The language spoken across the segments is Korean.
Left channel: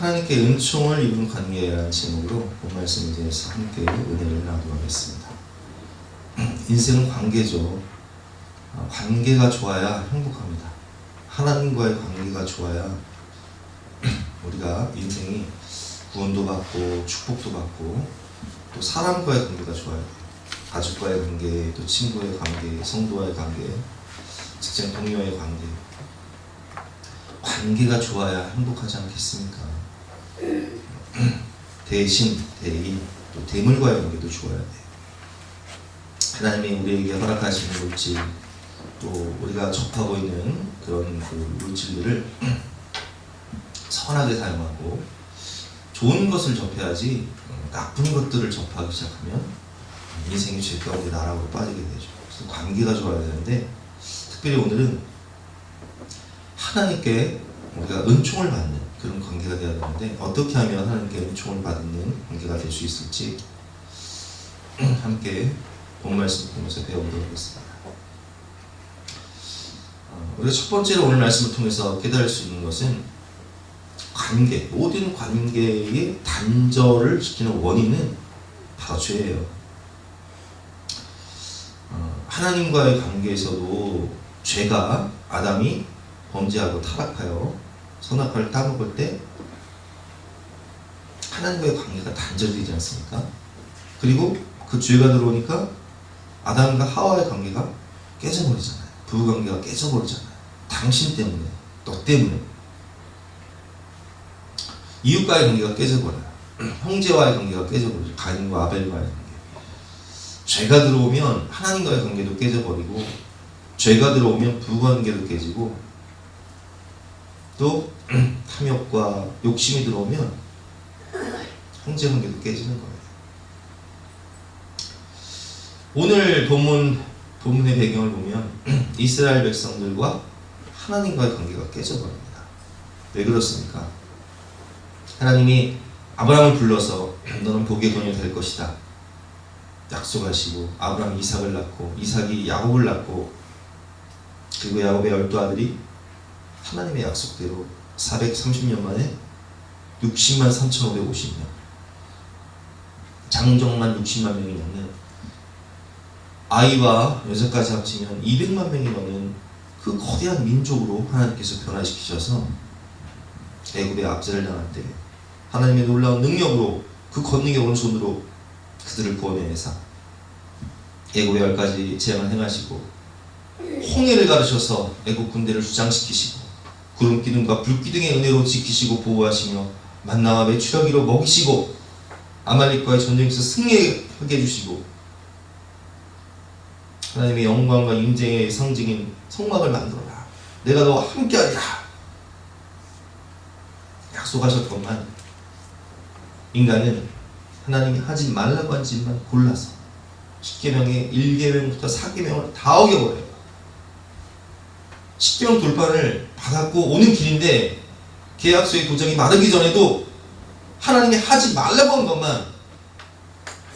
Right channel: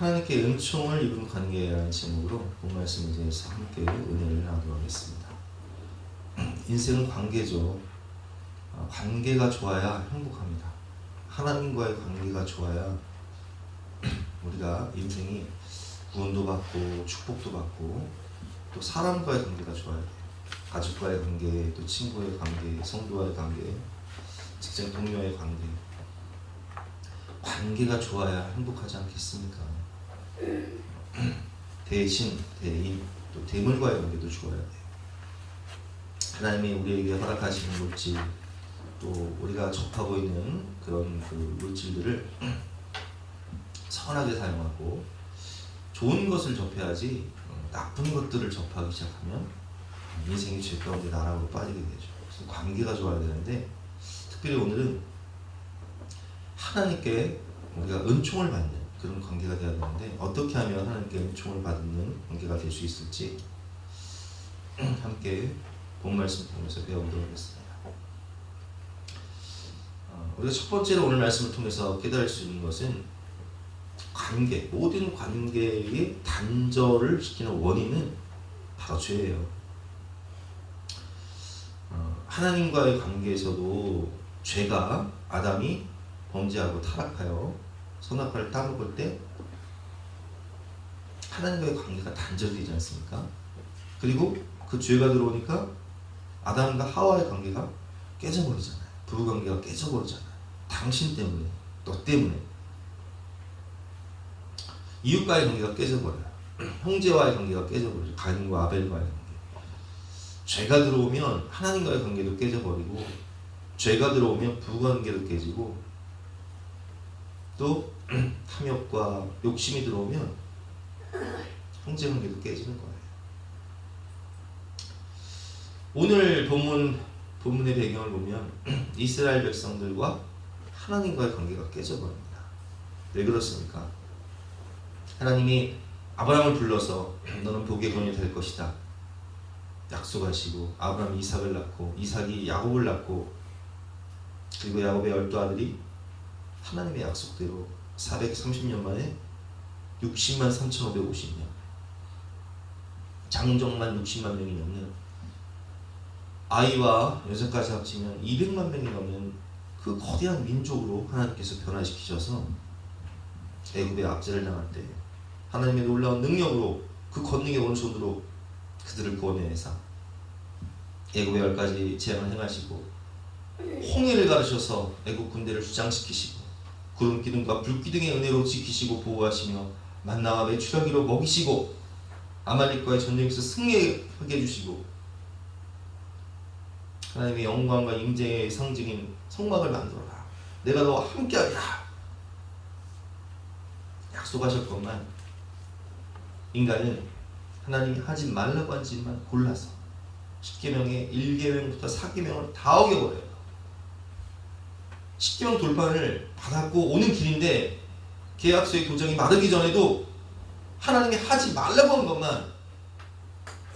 하나님께 은총을 입은 관계라는 제목으로 본 말씀에 대해서 함께 은혜를 나누도록 하겠습니다. 인생은 관계죠. 관계가 좋아야 행복합니다. 하나님과의 관계가 좋아야 우리가 인생이 구원도 받고 축복도 받고 또 사람과의 관계가 좋아요. 가족과의 관계, 또 친구의 관계, 성도와의 관계, 직장 동료와의 관계. 관계가 좋아야 행복하지 않겠습니까? 대신, 대인, 또 대물과의 관계도 좋아야 돼요. 하나님이 우리에게 허락하시는 물질, 또 우리가 접하고 있는 그런 그 물질들을 선하게 사용하고 좋은 것을 접해야지 나쁜 것들을 접하기 시작하면 인생이 죄 가운데 나락으로 빠지게 되죠. 그래서 관계가 좋아야 되는데 특별히 오늘은 하나님께 우리가 은총을 받는 그런 관계가 되어야 되는데 어떻게 하면 하나님께 은총을 받는 관계가 될 수 있을지 함께 본 말씀 보면서 배워보도록 하겠습니다. 우리가 첫 번째로 오늘 말씀을 통해서 깨달을 수 있는 것은 관계, 모든 관계의 단절을 시키는 원인은 바로 죄예요. 하나님과의 관계에서도 죄가 아담이 범죄하고 타락하여 선악과를 따먹을 때 하나님과의 관계가 단절되지 않습니까? 그리고 그 죄가 들어오니까 아담과 하와의 관계가 깨져버리잖아요. 부부관계가 깨져버리잖아요. 당신 때문에, 너 때문에. 이웃과의 관계가 깨져버려요. 형제와의 관계가 깨져버리죠. 가인과 아벨과의 관계. 죄가 들어오면 하나님과의 관계도 깨져버리고 죄가 들어오면 부부관계도 깨지고 또 탐욕과 욕심이 들어오면 형제관계도 깨지는 거예요. 오늘 본문의 배경을 보면 이스라엘 백성들과 하나님과의 관계가 깨져버립니다. 왜 그렇습니까? 하나님이 아브라함을 불러서 너는 복의 근원이 될 것이다 약속하시고 아브라함이 이삭을 낳고 이삭이 야곱을 낳고 그리고 야곱의 12아들이 하나님의 약속대로 430년 만에 60만 3,550명 장정만 60만 명이 넘는 아이와 여자까지 합치면 200만 명이 넘는 그 거대한 민족으로 하나님께서 변화시키셔서 애굽의 압제를 당할 때 하나님의 놀라운 능력으로 그 권능의 오른손으로 그들을 구원해내사 애굽의 10가지 재앙을 행하시고 홍해를 가르셔서 애굽 군대를 주장시키시고 구름 기둥과 불 기둥의 은혜로 지키시고 보호하시며 만나와 메추라기로 먹이시고 아말렉과의 전쟁에서 승리하게 해주시고 하나님의 영광과 인쟁의 상징인 성막을 만들어라. 내가 너와 함께하리라. 약속하셨건만 인간은 하나님이 하지 말라고 한 짓만 골라서 10계명의 1계명부터 4계명을 다 어겨버려요. 10계명 돌판을 받았고 오는 길인데 계약서의 도장이 마르기 전에도 하나님이 하지 말라고 한 것만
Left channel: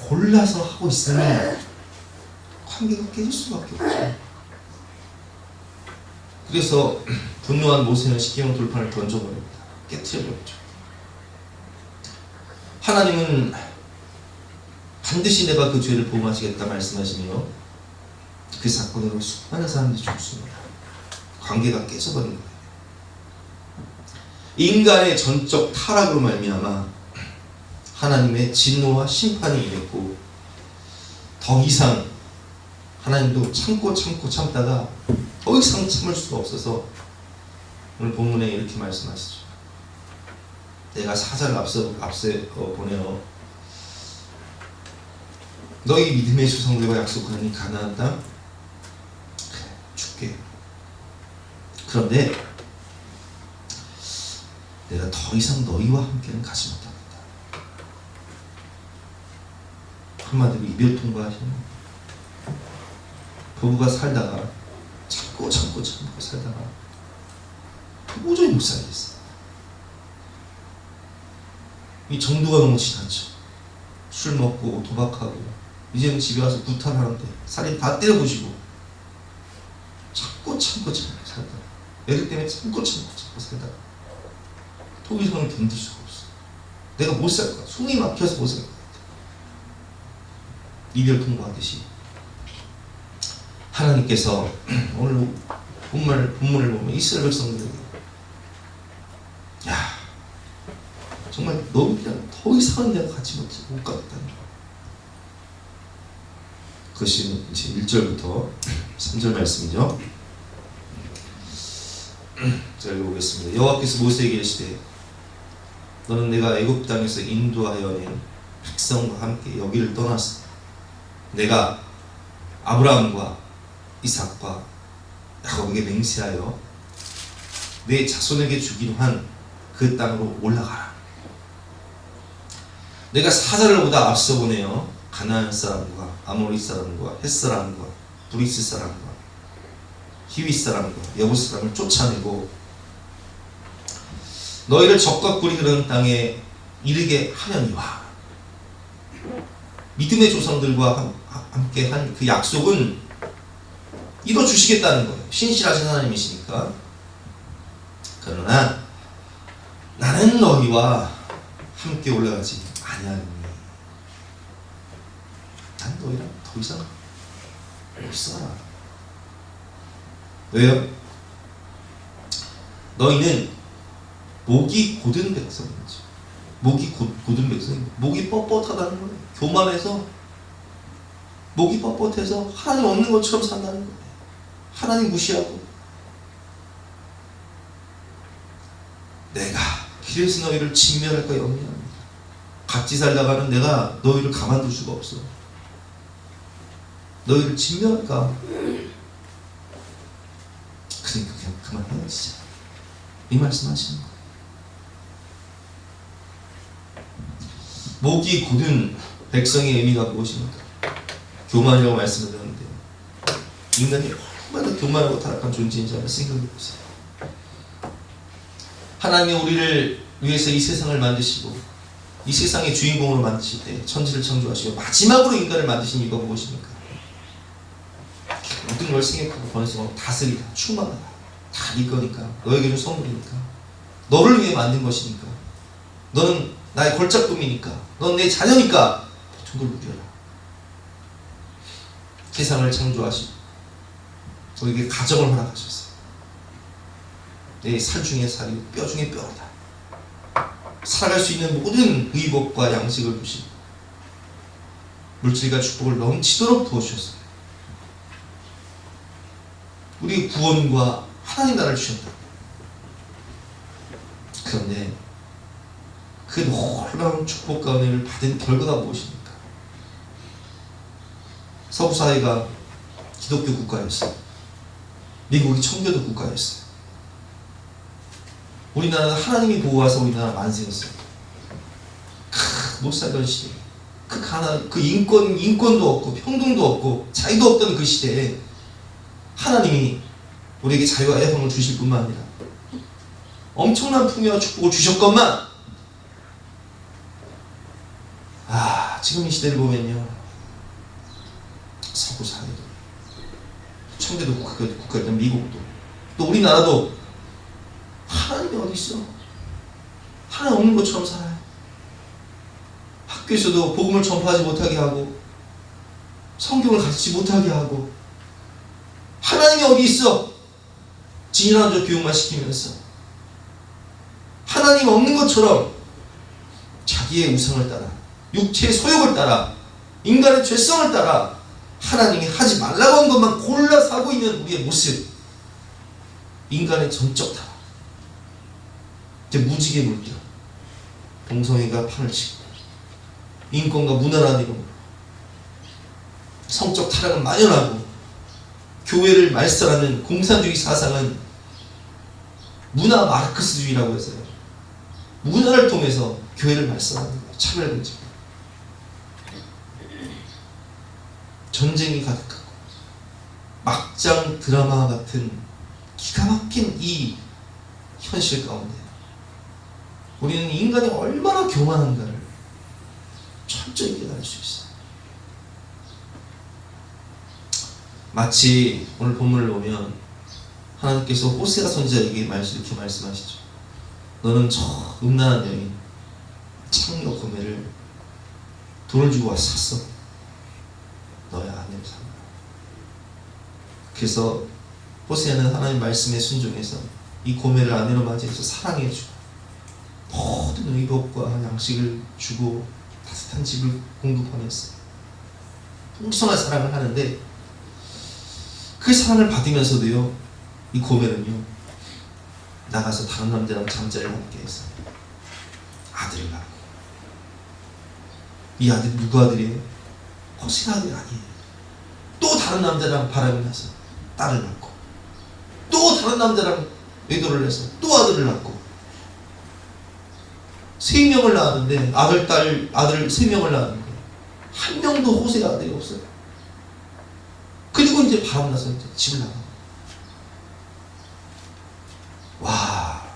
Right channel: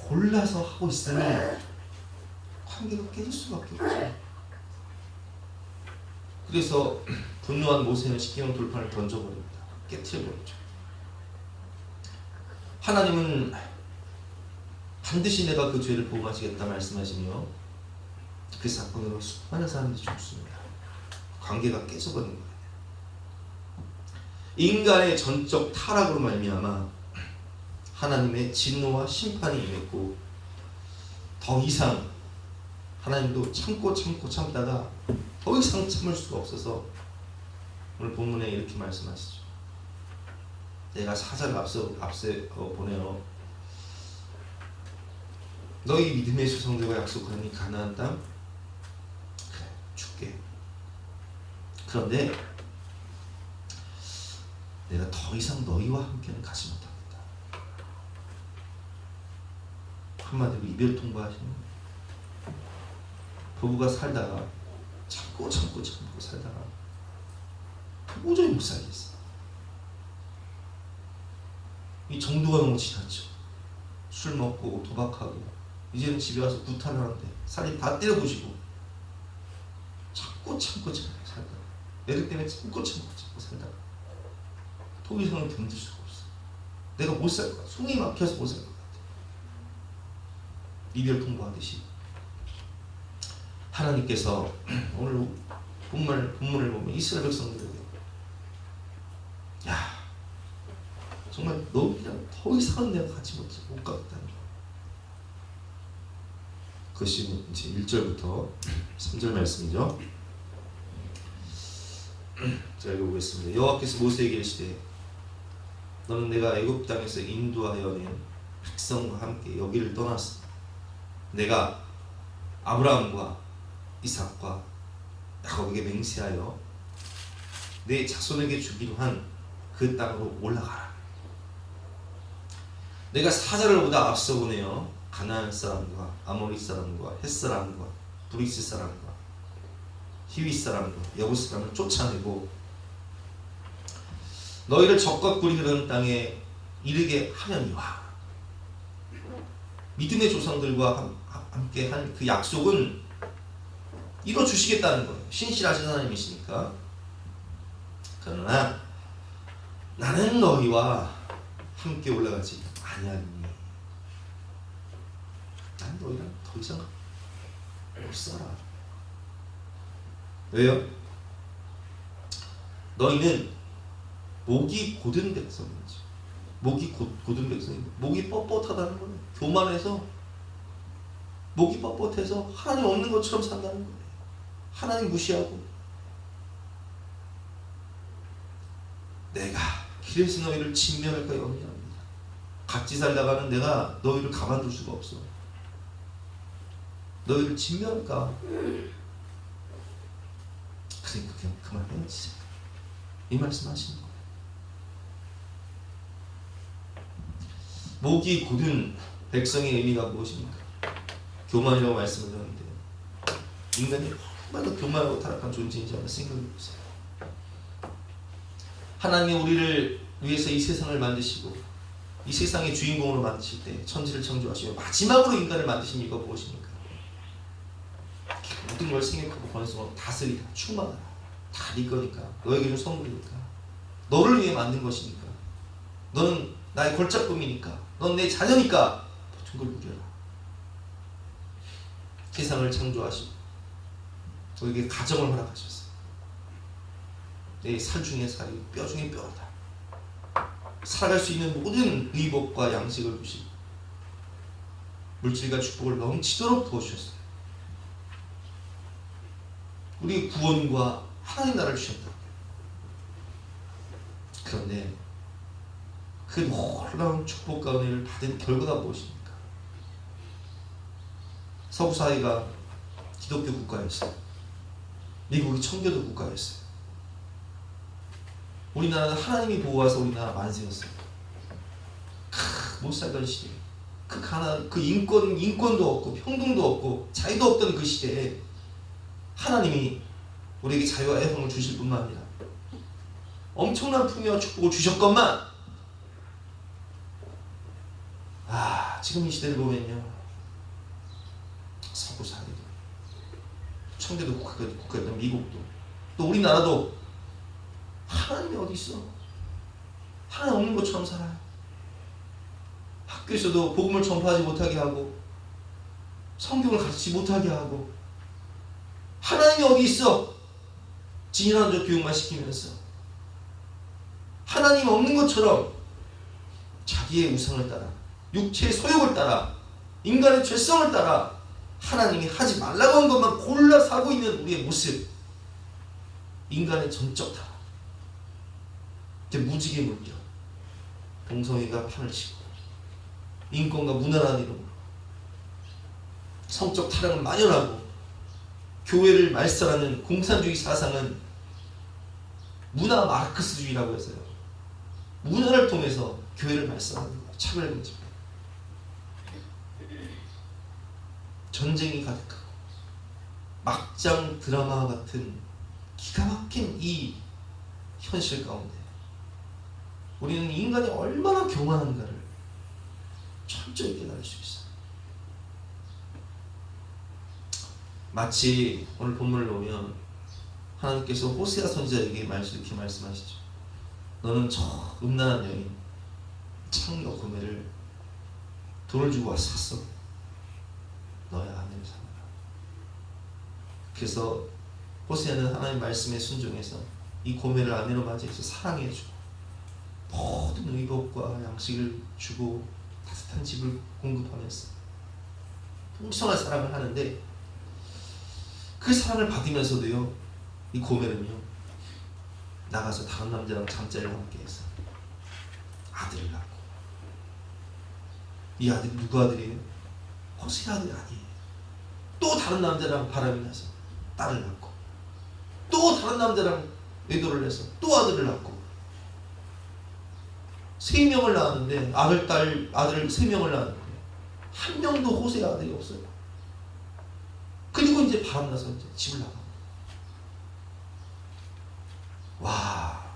골라서 하고 있으면 관계가 깨질 수밖에 없죠. 그래서 분노한 모세는 10계명 돌판을 던져버립니다. 깨트려버렸죠. 하나님은 반드시 내가 그 죄를 보응하시겠다 말씀하시며 그 사건으로 수많은 사람들이 죽습니다. 관계가 깨져버린 거예요. 인간의 전적 타락으로 말미암아 하나님의 진노와 심판이 임했고 더 이상 하나님도 참다가 더 이상 참을 수가 없어서 오늘 본문에 이렇게 말씀하시죠. 내가 사자를 앞서 보내어 너희 믿음의 조상들과 약속하니 가나안 땅 그래 줄게. 그런데 내가 더 이상 너희와 함께는 가지 못합니다. 한마디로 이별 통보하시는 거예요. 부부가 살다가 참고 살다가 도저히 못 살겠어. 이 정도가 너무 지나쳐. 술 먹고 도박하고 이제는 집에 와서 구타하는데 살인 다 때려부시고 참고 살다가 애들 때문에 참고 살다가 더 이상은 견딜 수가 없어. 내가 못 살 것 같아. 숨이 막혀서 못 살 것 같아. 이별 통보하듯이 하나님께서 오늘 본문을 보면 이스라엘 백성들에게 야 정말 너희랑 더 이상은 내가 같이 못 가겠다는 거야. 그것이 이제 1절부터 3절 말씀이죠. 제가 읽어보겠습니다. 여호와께서 모세에게 이르시되 너는 내가 애굽 땅에서 인도하여 낸 백성과 함께 여기를 떠났어. 내가 아브라함과 이삭과 야곱에게 맹세하여 내 자손에게 주기로 한 그 땅으로 올라가라. 내가 사자를 보다 앞서 보내어 가나안 사람과 아모리 사람과 헷 사람과 브리스 사람과 히위 사람과 여부스 사람을 쫓아내고 너희를 적과 꿀이 흐르는 땅에 이르게 하려니와. 믿음의 조상들과 함께 한 그 약속은 이뤄주시겠다는 거예요. 신실하신 하나님이시니까. 그러나 나는 너희와 함께 올라가지 아니하니. 난 너희랑 더 이상 못 살아. 왜요? 너희는 목이 곧은 백성이지. 목이 곧은 백성이 목이 뻣뻣하다는 거예요. 교만해서 목이 뻣뻣해서 하나님 없는 것처럼 산다는 거예요. 하나님 무시하고 내가 길에서 너희를 진멸할까 염려합니다. 같이 살다가는 내가 너희를 가만둘 수가 없어. 너희를 진멸할까. 그러니까 그냥 그만해요 진짜. 이 말씀 하시는 거예요. 목이 곧은 백성의 의미가 무엇입니까? 교만이라고 말씀을 드렸는데 인간이 얼마나 교만하고 타락한 존재인지 한번 생각해 보세요. 하나님이 우리를 위해서 이 세상을 만드시고 이 세상의 주인공으로 만드실 때 천지를 창조하시고 마지막으로 인간을 만드신 이유가 무엇입니까? 모든 걸 생각하고 번성하고 다스리다, 충만하다. 다 네 거니까. 너에게 준 선물이니까. 너를 위해 만든 것이니까. 너는 나의 걸작품이니까. 넌 내 자녀니까. 모든 걸 누려라. 세상을 창조하시고 우리에게 가정을 허락하셨어요. 내 살 중에 살이, 뼈 중에 뼈다. 살아갈 수 있는 모든 의복과 양식을 주시고 물질과 축복을 넘치도록 부어주셨어요. 우리 구원과 하나님 나라를 주셨다. 그런데 그 놀라운 축복과 은혜를 받은 결과가 무엇입니까? 서구 사회가 기독교 국가였어요. 미국이 청교도 국가였어요. 우리나라는 하나님이 보호하셔서 우리나라 만세였어요. 못 살던 시대, 그 가난, 그 인권도 없고 평등도 없고 자유도 없던 그 시대에 하나님이 우리에게 자유와 애통을 주실 뿐만 아니라 엄청난 풍요와 축복을 주셨건만 지금 이 시대를 보면요, 서구 사회도 청교도 국가였던 미국도 또 우리나라도 하나님이 어디 있어? 하나님 없는 것처럼 살아요. 학교에서도 복음을 전파하지 못하게 하고 성경을 가르치지 못하게 하고 하나님이 어디 있어? 진일한적 교육만 시키면서 하나님 없는 것처럼 자기의 우상을 따라 육체의 소욕을 따라 인간의 죄성을 따라 하나님이 하지 말라고 한 것만 골라서 하고 있는 우리의 모습, 인간의 전적 타락, 무지개 물결, 동성애가 판을 치고 인권과 문화라는 이름으로 성적 타락은 만연하고 교회를 말살하는 공산주의 사상은 문화 마르크스주의라고 해서요, 문화를 통해서 교회를 말살하는 거예요. 차별금지, 전쟁이 가득하고 막장 드라마 같은 기가 막힌 이 현실 가운데 우리는 인간이 얼마나 교만한가를 철저히 깨달을 수 있어요. 마치 오늘 본문을 보면 하나님께서 호세아 선지자에게 이렇게 말씀하시죠. 너는 저 음란한 여인, 창녀 고멜을 돈을 주고 와서 샀어. 너의 아내로 삼아. 그래서 호세아는 하나님 말씀에 순종해서 이 고멜을 아내로 맞이해서 사랑해주고 모든 의복과 양식을 주고 따뜻한 집을 공급하면서 풍성한 사랑을 하는데, 그 사랑을 받으면서도요, 이 고멜은요 나가서 다른 남자랑 잠자리를 함께 해서 아들을 낳고, 이 아들이 누구 아들이에요? 호세 아들이 아니에요. 또 다른 남자랑 바람이 나서 딸을 낳고, 또 다른 남자랑 외도를 해서 또 아들을 낳고, 3명을 낳았는데 아들, 딸, 아들 3명을 낳았는데 한 명도 호세 아들이 없어요. 그리고 이제 바람 나서 이제 집을 나가. 와,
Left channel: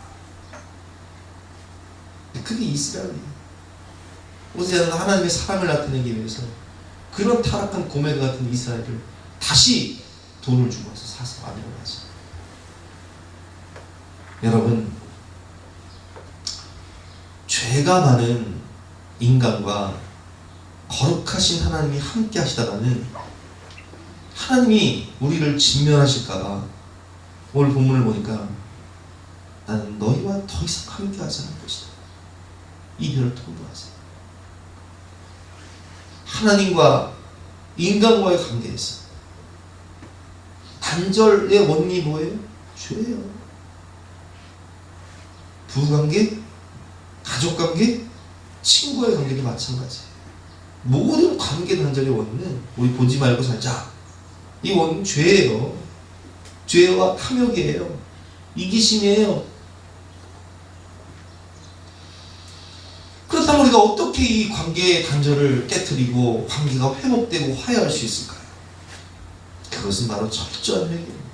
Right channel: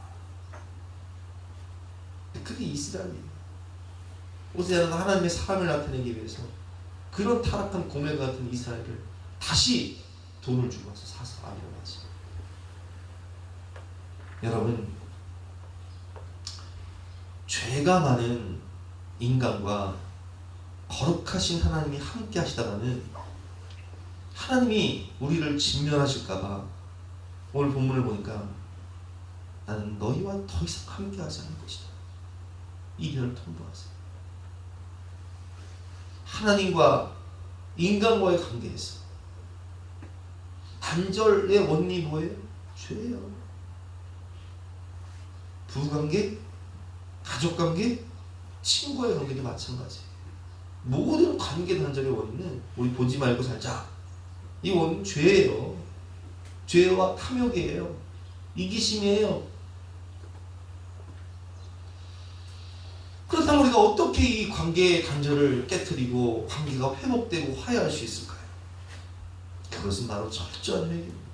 그게 이스라엘이에요. 호세아는 하나님의 사랑을 나타내기 위해서 그런 타락한 고멜 같은 이스라엘을 다시 돈을 주고 와서 사서 아내로 낳았어요. 여러분, 죄가 많은 인간과 거룩하신 하나님이 함께 하시다가는 하나님이 우리를 진멸하실까봐 오늘 본문을 보니까 나는 너희와 더 이상 함께 하지 않을 것이다. 이별을 통보하세요. 하나님과 인간과의 관계에서 단절의 원인이 뭐예요? 죄예요. 부부관계, 가족관계, 친구의 관계도 마찬가지예요. 모든 관계 단절의 원인은 우리 보지 말고 살자. 이 원인은 죄예요. 죄와 탐욕이에요. 이기심이에요. 그렇다면 우리가 어떻게 이 관계의 단절을 깨트리고 관계가 회복되고 화해할 수 있을까요? 그것은 바로 철저한 회개입니다.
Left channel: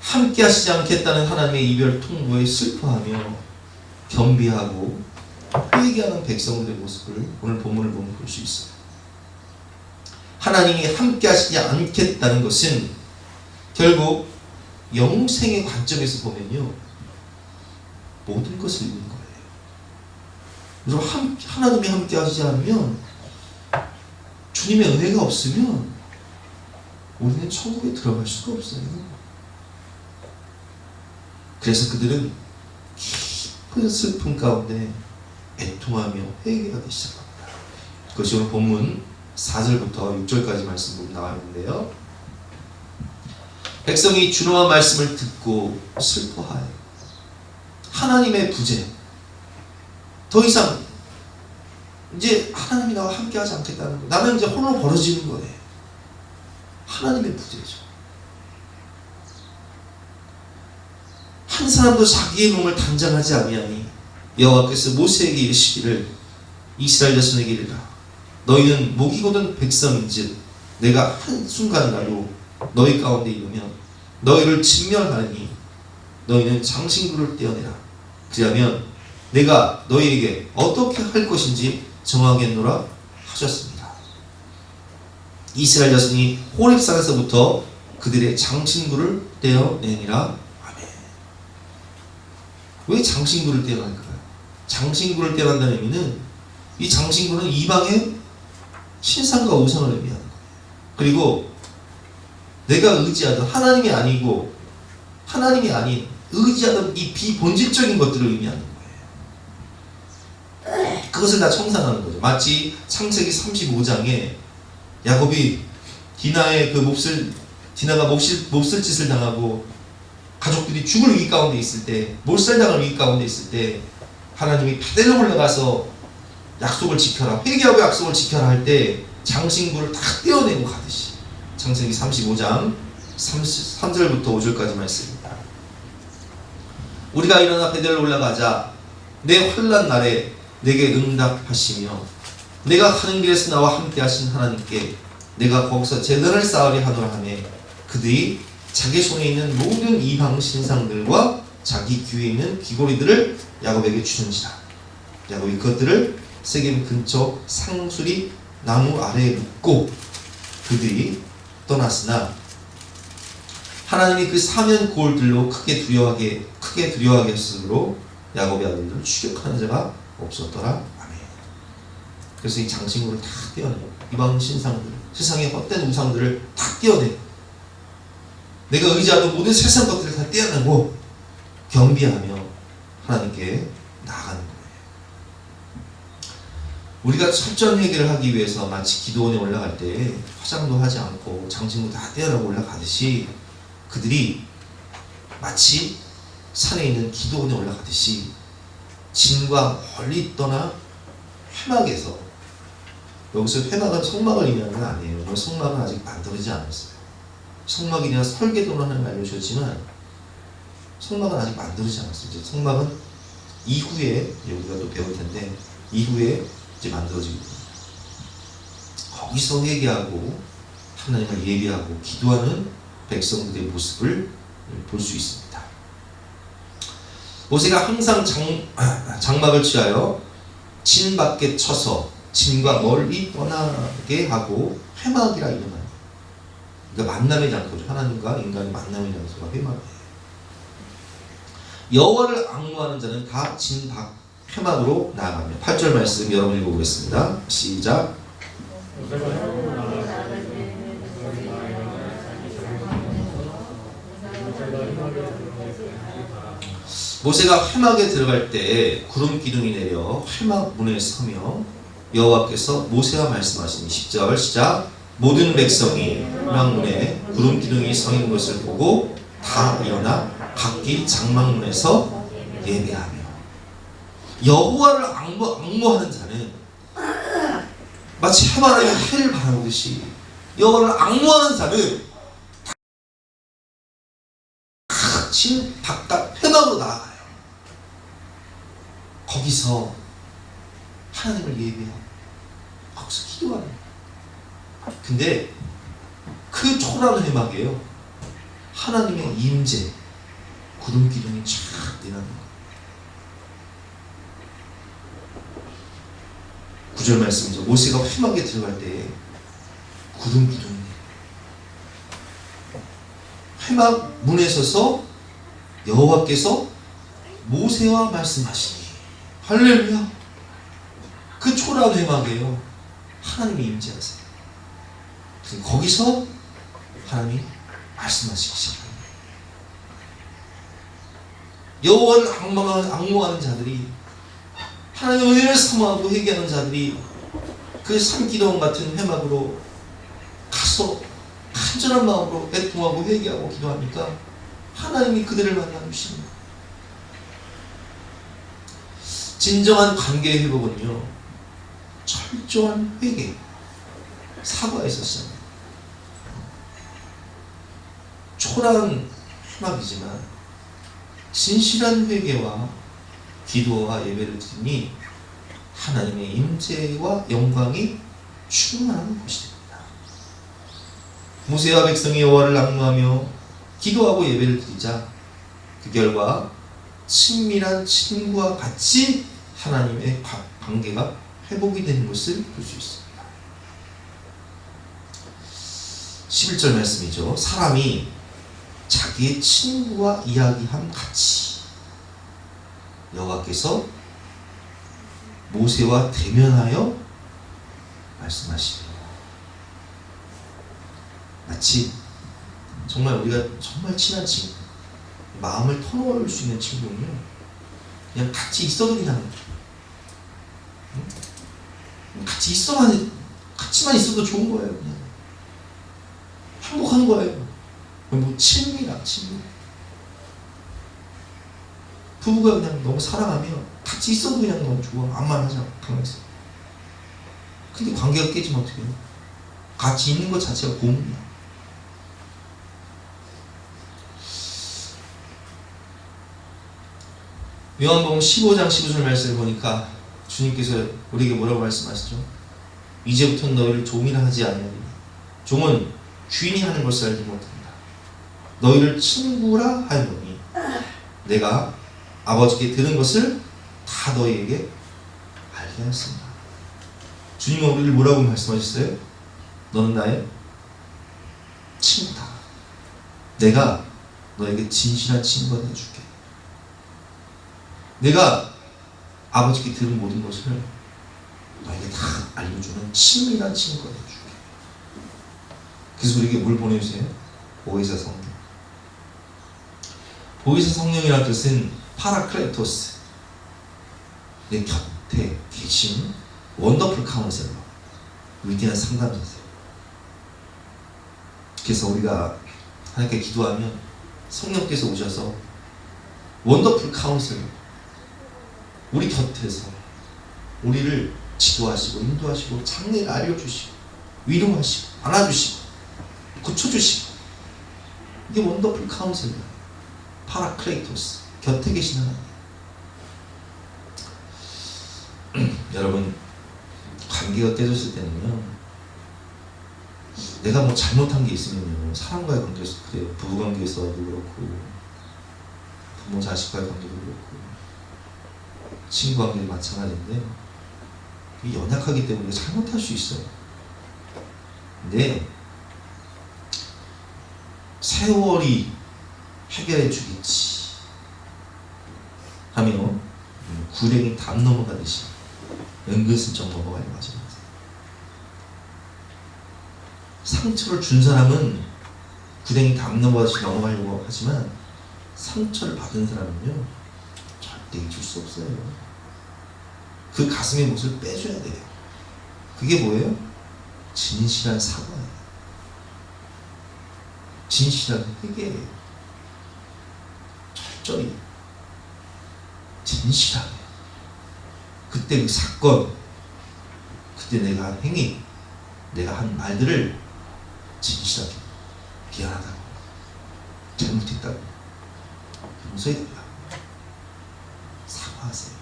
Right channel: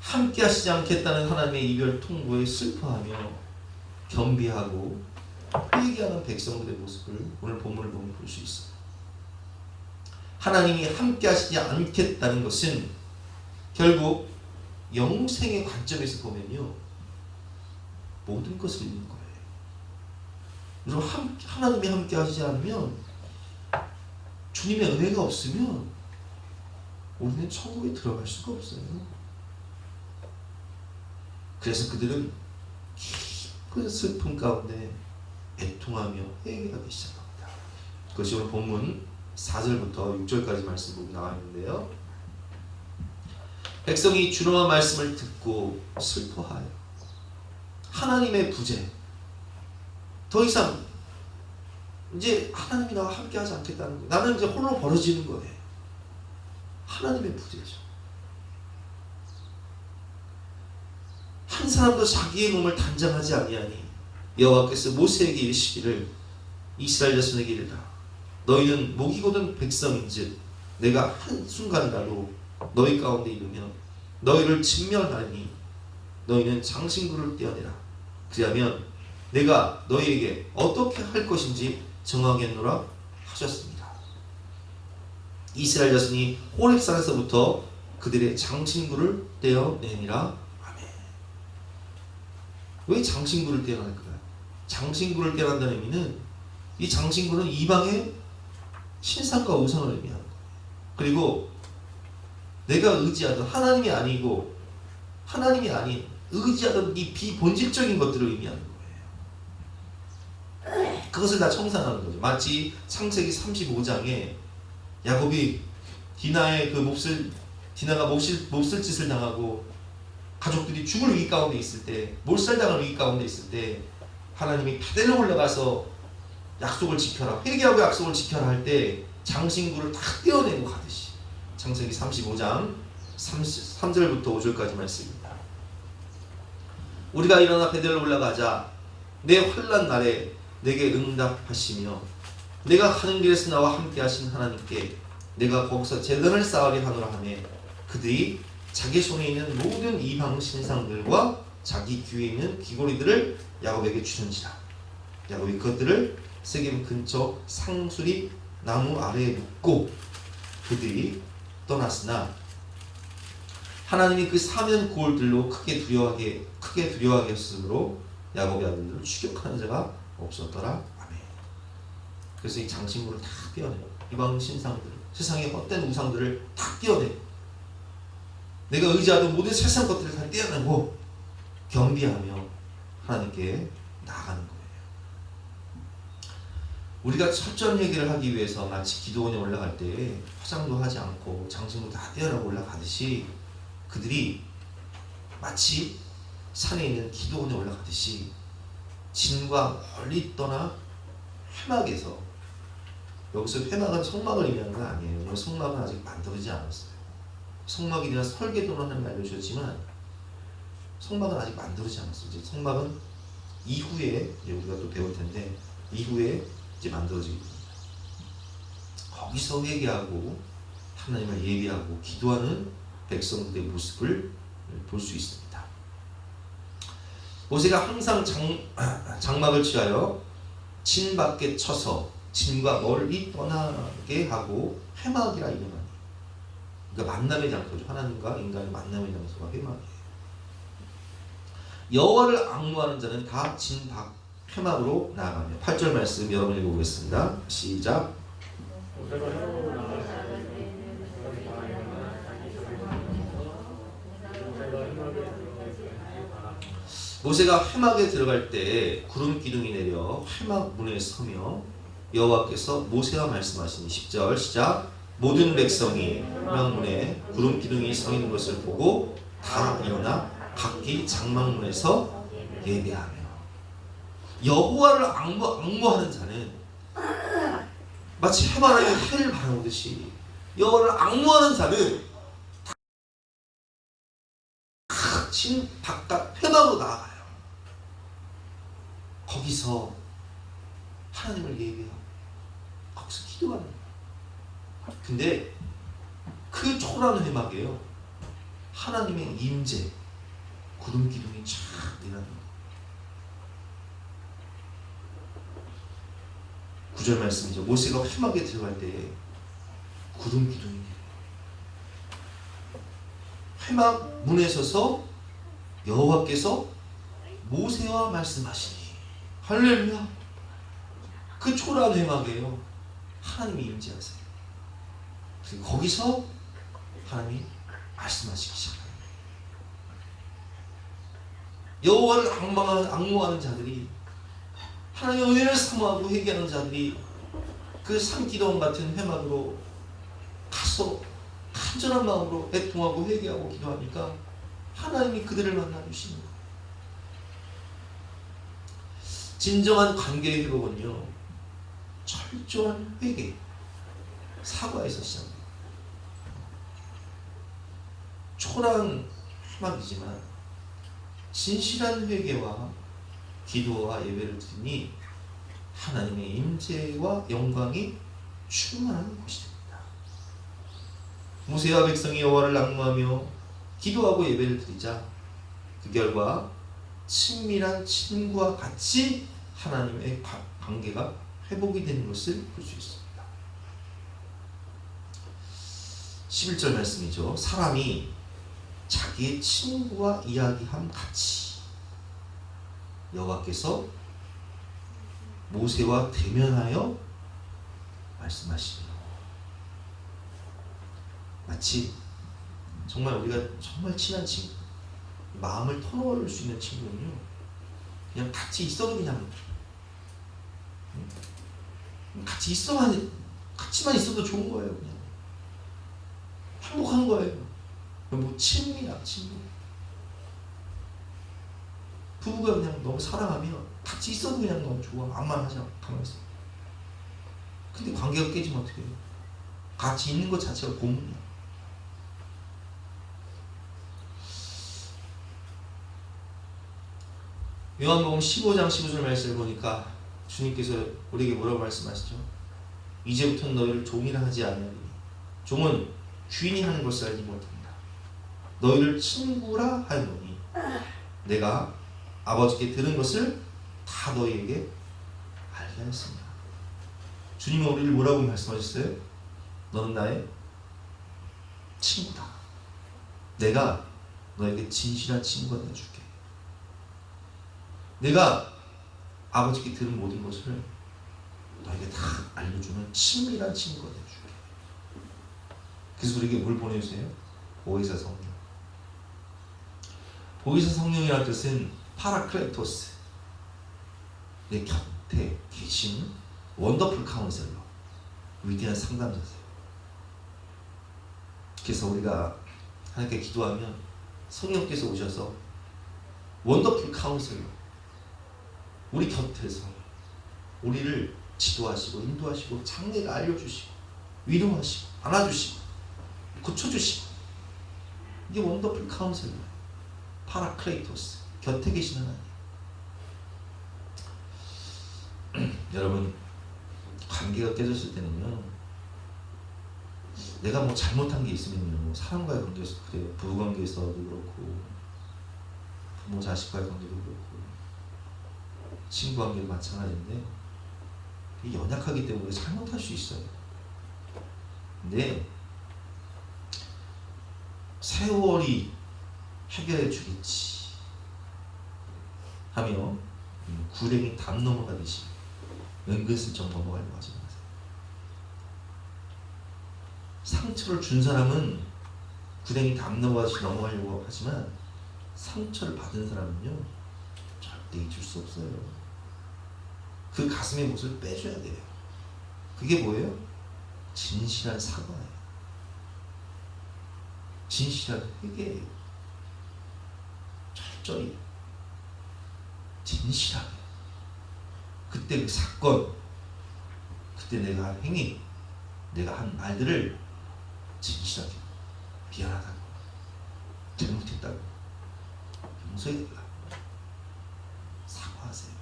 함께 하시지 않겠다는 하나님의 이별 통보에 슬퍼하며 겸비하고 회개하는 백성들의 모습을 오늘 본문을 보면 볼 수 있어요. 하나님이 함께 하시지 않겠다는 것은 결국 영생의 관점에서 보면요, 모든 것을 잃는 거예요. 여러분, 하나님이 함께 하시지 않으면, 주님의 은혜가 없으면 우리는 천국에 들어갈 수가 없어요. 그래서 그들은 깊은 슬픔 가운데 애통하며 회개하기 시작합니다. 그것이 오늘 본문 4절부터 6절까지 말씀으로 나와 있는데요, 백성이 준엄한 말씀을 듣고 슬퍼하여 하나님의 부재, 더 이상 이제 하나님이 나와 함께 하지 않겠다는 거예요. 나는 이제 홀로 벌어지는 거예요. 하나님의 부재죠. 한 사람도 자기의 몸을 단장하지 아니하니 여호와께서 모세에게 이르시기를 이스라엘 자손에게 이르라, 너희는 목이 곧은 백성인즉 내가 한순간이라도 너희 가운데 이르면 너희를 진멸하리니 너희는 장신구를 떼어내라. 그리하면 내가 너희에게 어떻게 할 것인지 정하겠노라 하셨습니다. 이스라엘 자손이 호렙산에서부터 그들의 장신구를 떼어내니라. 아멘. 왜 장신구를 떼어낼까요? 장신구를 떼어낸다는 의미는, 이 장신구는 이방의 신상과 우상을 의미하는 거예요. 그리고 내가 의지하던 하나님이 아니고 하나님이 아닌 의지하던 이 비본질적인 것들을 의미하는 거예요. 그것을 다 청산하는 거죠. 마치 창세기 35장에 야곱이 디나가 몹쓸 짓을 당하고 가족들이 죽을 위기 가운데 있을 때, 몰살당할 위기 가운데 있을 때 하나님이 베델로 올라가서 약속을 지켜라, 회개하고 약속을 지켜라 할 때 장신구를 다 떼어내고 가듯이, 창세기 35장 3절부터 5절까지 말씀입니다. 우리가 일어나 베델로 올라가자 내 환난 날에 내게 응답하시며 내가 가는 길에서 나와 함께 하신 하나님께 내가 거기서 제단을 쌓으려 하노라 하며 그들이 자기 손에 있는 모든 이방 신상들과 자기 귀에 있는 귀고리들을 야곱에게 주는지라. 야곱이 그것들을 세겜 근처 상수리 나무 아래에 놓고 그들이 떠났으나 하나님이 그 사면 고울들로 크게 두려워하게 했으므로 야곱의 아들들을 추격하는 자가 없었더라. 아멘. 그래서 이 장신구를 다 떼어내요. 이방 신상들, 세상의 헛된 우상들을 다 떼어내요. 내가 의지하던 모든 세상 것들을 다 떼어내고 겸비하며 하나님께 나아가는 거예요. 우리가 철저한 회개를 하기 위해서 마치 기도원에 올라갈 때 화장도 하지 않고 장신구 다 떼어내고 올라가듯이, 그들이 마치 산에 있는 기도원에 올라가듯이 진과 멀리 떠나 회막에서, 여기서 회막은 성막을 의미하는 건 아니에요. 성막은 아직 만들어지지 않았어요. 성막이나 설계도는 하나님 알려주셨지만 성막은 아직 만들어지지 않았어요. 이제 성막은 이후에 우리가 또 배울 텐데 이후에 이제 만들어지거든요. 거기서 회개하고 하나님을 예비하고 기도하는 백성들의 모습을 볼 수 있습니다. 모세가 항상 장막을 취하여 진 밖에 쳐서 진과 멀리 떠나게 하고 회막이라 이름하는, 그러니까 만남의 장소죠. 하나님과 인간의 만남의 장소가 회막이에요. 여호와를 앙무하는 자는 다 진 밖 회막으로 나아가며. 8절 말씀 여러분 읽어보겠습니다. 시작. 모세가 회막에 들어갈 때 구름 기둥이 내려 회막 문에 서며 여호와께서 모세와 말씀하시니 10절 시작. 모든 백성이 회막 문에 구름 기둥이 서 있는 것을 보고 다 일어나 각기 장막문에서 예배하며. 여호와를 앙모하는 자는 마치 해바라기 해를 바라보듯이 여호와를 앙모하는 자는 진 바깥 회막으로 나아가요. 거기서 하나님을 예배하고 거기서 기도하는 거예요. 근데 그 초라한 회막이에요. 하나님의 임재, 구름 기둥이 쫙 내려가는 거예요. 9절 말씀이죠. 모세가 회막에 들어갈 때 구름 기둥이 회막 문에 서서 여호와께서 모세와 말씀하시니, 할렐루야. 그 초라한 회막이에요. 하나님이 임재하세요. 거기서 하나님이 말씀하시기 시작합니다. 여호와를 앙모하는 자들이, 하나님의 은혜를 사모하고 회개하는 자들이 그 산기도원 같은 회막으로 가서 간절한 마음으로 애통하고 회개하고 기도하니까 하나님이 그들을 만나 주시는 거예요. 진정한 관계의 회복은요, 철저한 회개, 사과에서 시작합니다. 초라한 회막이지만 진실한 회개와 기도와 예배를 드리니 하나님의 임재와 영광이 충만한 곳이 됩니다. 모세와 백성이 여호와를 앙모하며 기도하고 예배를 드리자 그 결과 친밀한 친구와 같이 하나님의 관계가 회복이 되는 것을 볼 수 있습니다. 11절 말씀이죠. 사람이 자기의 친구와 이야기함 같이 여호와께서 모세와 대면하여 말씀하시네요. 마치 정말 우리가 정말 친한 친구, 마음을 터놓을 수 있는 친구는요, 그냥 같이 있어도 그냥 같이만 있어도 좋은 거예요. 그냥 행복한 거예요. 뭐 친밀한 친구. 부부가 그냥 너무 사랑하면 같이 있어도 그냥 너무 좋아. 암만 하지 않고 가만히 있어. 근데 관계가 깨지면 어떻게 해요? 같이 있는 것 자체가 고문이야. 요한복음 15장 15절 말씀을 보니까 주님께서 우리에게 뭐라고 말씀하시죠? 이제부터는 너희를 종이라 하지 아니하리니 종은 주인이 하는 것을 알지 못한다. 너희를 친구라 하노니 내가 아버지께 들은 것을 다 너희에게 알게 하였습니다. 주님은 우리를 뭐라고 말씀하셨어요? 너는 나의 친구다. 내가 너에게 진실한 친구가 되어줄게. 내가 아버지께 들은 모든 것을 너에게 다 알려주는 친밀한 친구가 되어줄게. 그래서 우리에게 뭘 보내주세요? 보혜사 성령. 보혜사 성령이라는 뜻은 파라클레토스, 내 곁에 계신 원더풀 카운셀러, 위대한 상담자세요. 그래서 우리가 하나님께 기도하면 성령께서 오셔서 원더풀 카운셀러, 우리 곁에서 우리를 지도하시고 인도하시고 장래를 알려주시고 위로하시고 안아주시고 고쳐주시고, 이게 원더풀 카운셀러, 파라클레이토스, 곁에 계신 하나님. 여러분, 관계가 깨졌을 때는요, 내가 뭐 잘못한 게 있으면요, 사람과의 관계에서 그래요. 부부관계에서도 그렇고 부모 자식과의 관계도 그렇고 친구 관계도 마찬가지인데, 이게 연약하기 때문에 잘못할 수 있어요. 근데 세월이 해결해 주겠지 하며 구렁이 담 넘어가듯이 은근슬쩍 넘어가려고 하지 마세요. 상처를 준 사람은 구렁이 담 넘어가듯이 넘어가려고 하지만, 상처를 받은 사람은요 절대 잊을 수 없어요. 그 가슴의 몫을 빼줘야 돼요. 그게 뭐예요? 진실한 사과예요. 진실한 회개예요. 철저히 진실하게, 그때 그 사건, 그때 내가 한 행위, 내가 한 말들을 진실하게, 미안하다고, 잘못했다고 용서해드리라, 사과하세요.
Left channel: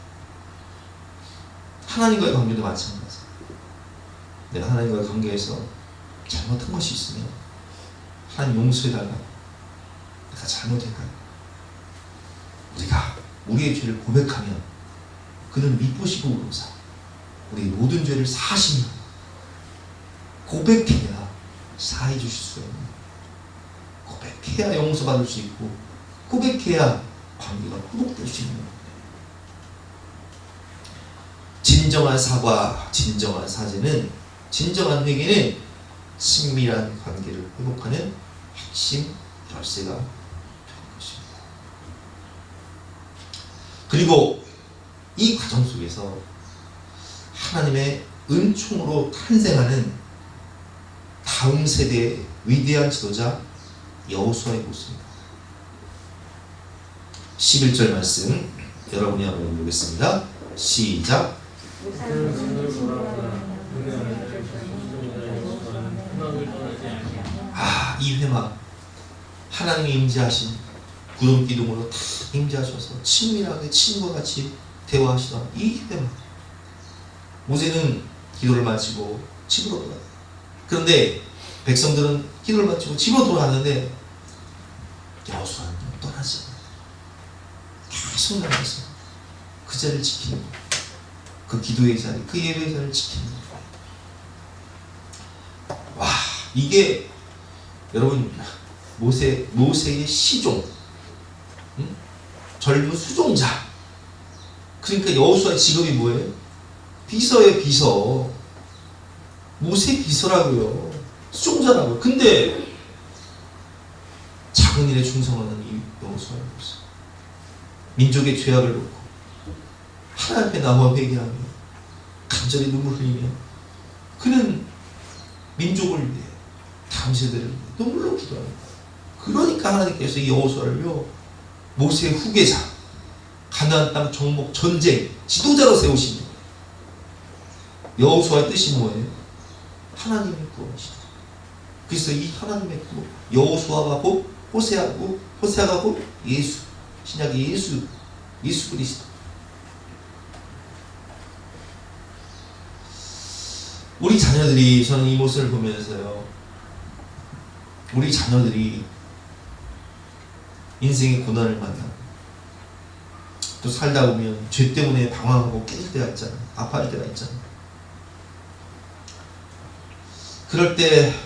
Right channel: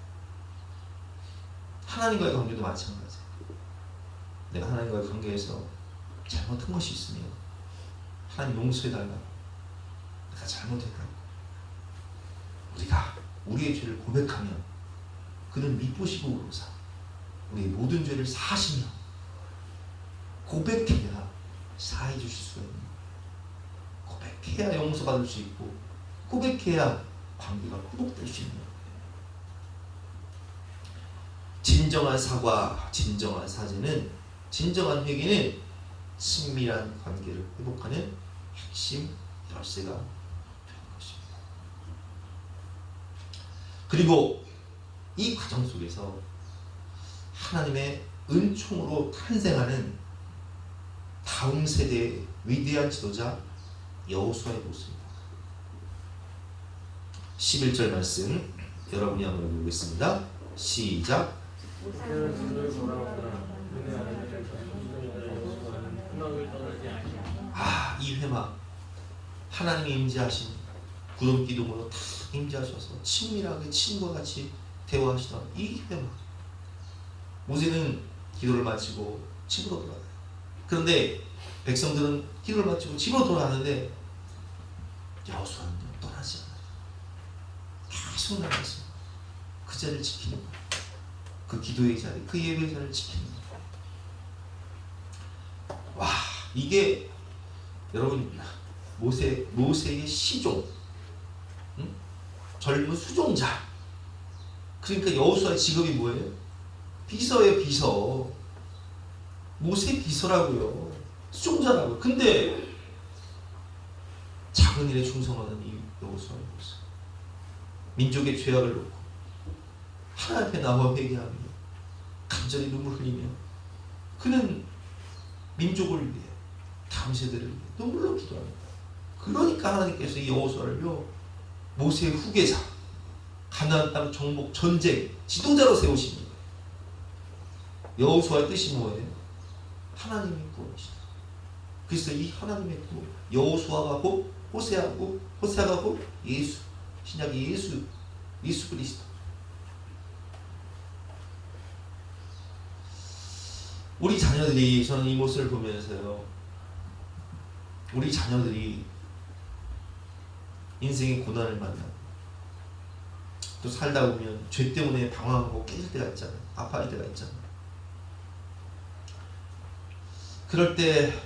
하나님과의 관계도 마찬가지예요. 내가 하나님과의 관계에서 잘못한 것이 있으면 하나님 용서해달라, 내가 잘못했다, 우리가 우리의 죄를 고백하면 그는 미쁘시고 우로사 우리의 모든 죄를 사하시며, 고백해야 사해 주실 수 있는, 고백해야 용서받을 수 있고, 고백해야 관계가 회복될 수 있는 겁니다. 진정한 사과, 진정한 사죄는, 진정한 회개는 친밀한 관계를 회복하는 핵심 열쇠가 되는 것입니다. 그리고 이 과정 속에서 하나님의 은총으로 탄생하는 다음 세대의 위대한 지도자 여호수아의 모습입니다. 11절 말씀 여러분이 한번 읽어보겠습니다. 시작. 이 회막, 하나님이 임재하신 구름 기둥으로 다 임재하셔서 친밀하게 친구와 같이 대화하시던 이 회막. 모세는 기도를 마치고 집으로 돌아가요. 그런데 백성들은 기도를 마치고 집으로 돌아가는데 여호수아는 떠나지 않아요. 계속 나가서 그 자리를 지키는 거예요. 그 기도의 자리, 그 예배의 자리를 지키는 거예요. 와, 이게 여러분 모세의 시종, 젊은 수종자. 그러니까 여호수아의 직업이 뭐예요? 비서예요, 비서. 모세 비서라고요. 수종자라고요. 근데 작은 일에 충성하는 이 여호수아의 모습. 민족의 죄악을 놓고 하나님 앞에 나와 회개하며 간절히 눈물 흘리며, 그는 민족을 위해, 다음 세대를 위해 눈물로 기도합니다. 그러니까 하나님께서 이 여호수아를요, 모세의 후계자, 가나안 땅 정복 전쟁 지도자로 세우신 거예요. 여호수아의 뜻이 뭐예요? 하나님의 구원이시다. 그래서 이 하나님의 구원, 여호수아가 곧 호세아고, 호세아가 곧 예수, 신약의 예수 그리스도. 우리 자녀들이, 저는 이 모습을 보면서요, 우리 자녀들이 인생의 고난을 만나고 또 살다 보면 죄 때문에 방황하고 깨질 때가 있잖아요. 아파할 때가 있잖아요. 그럴 때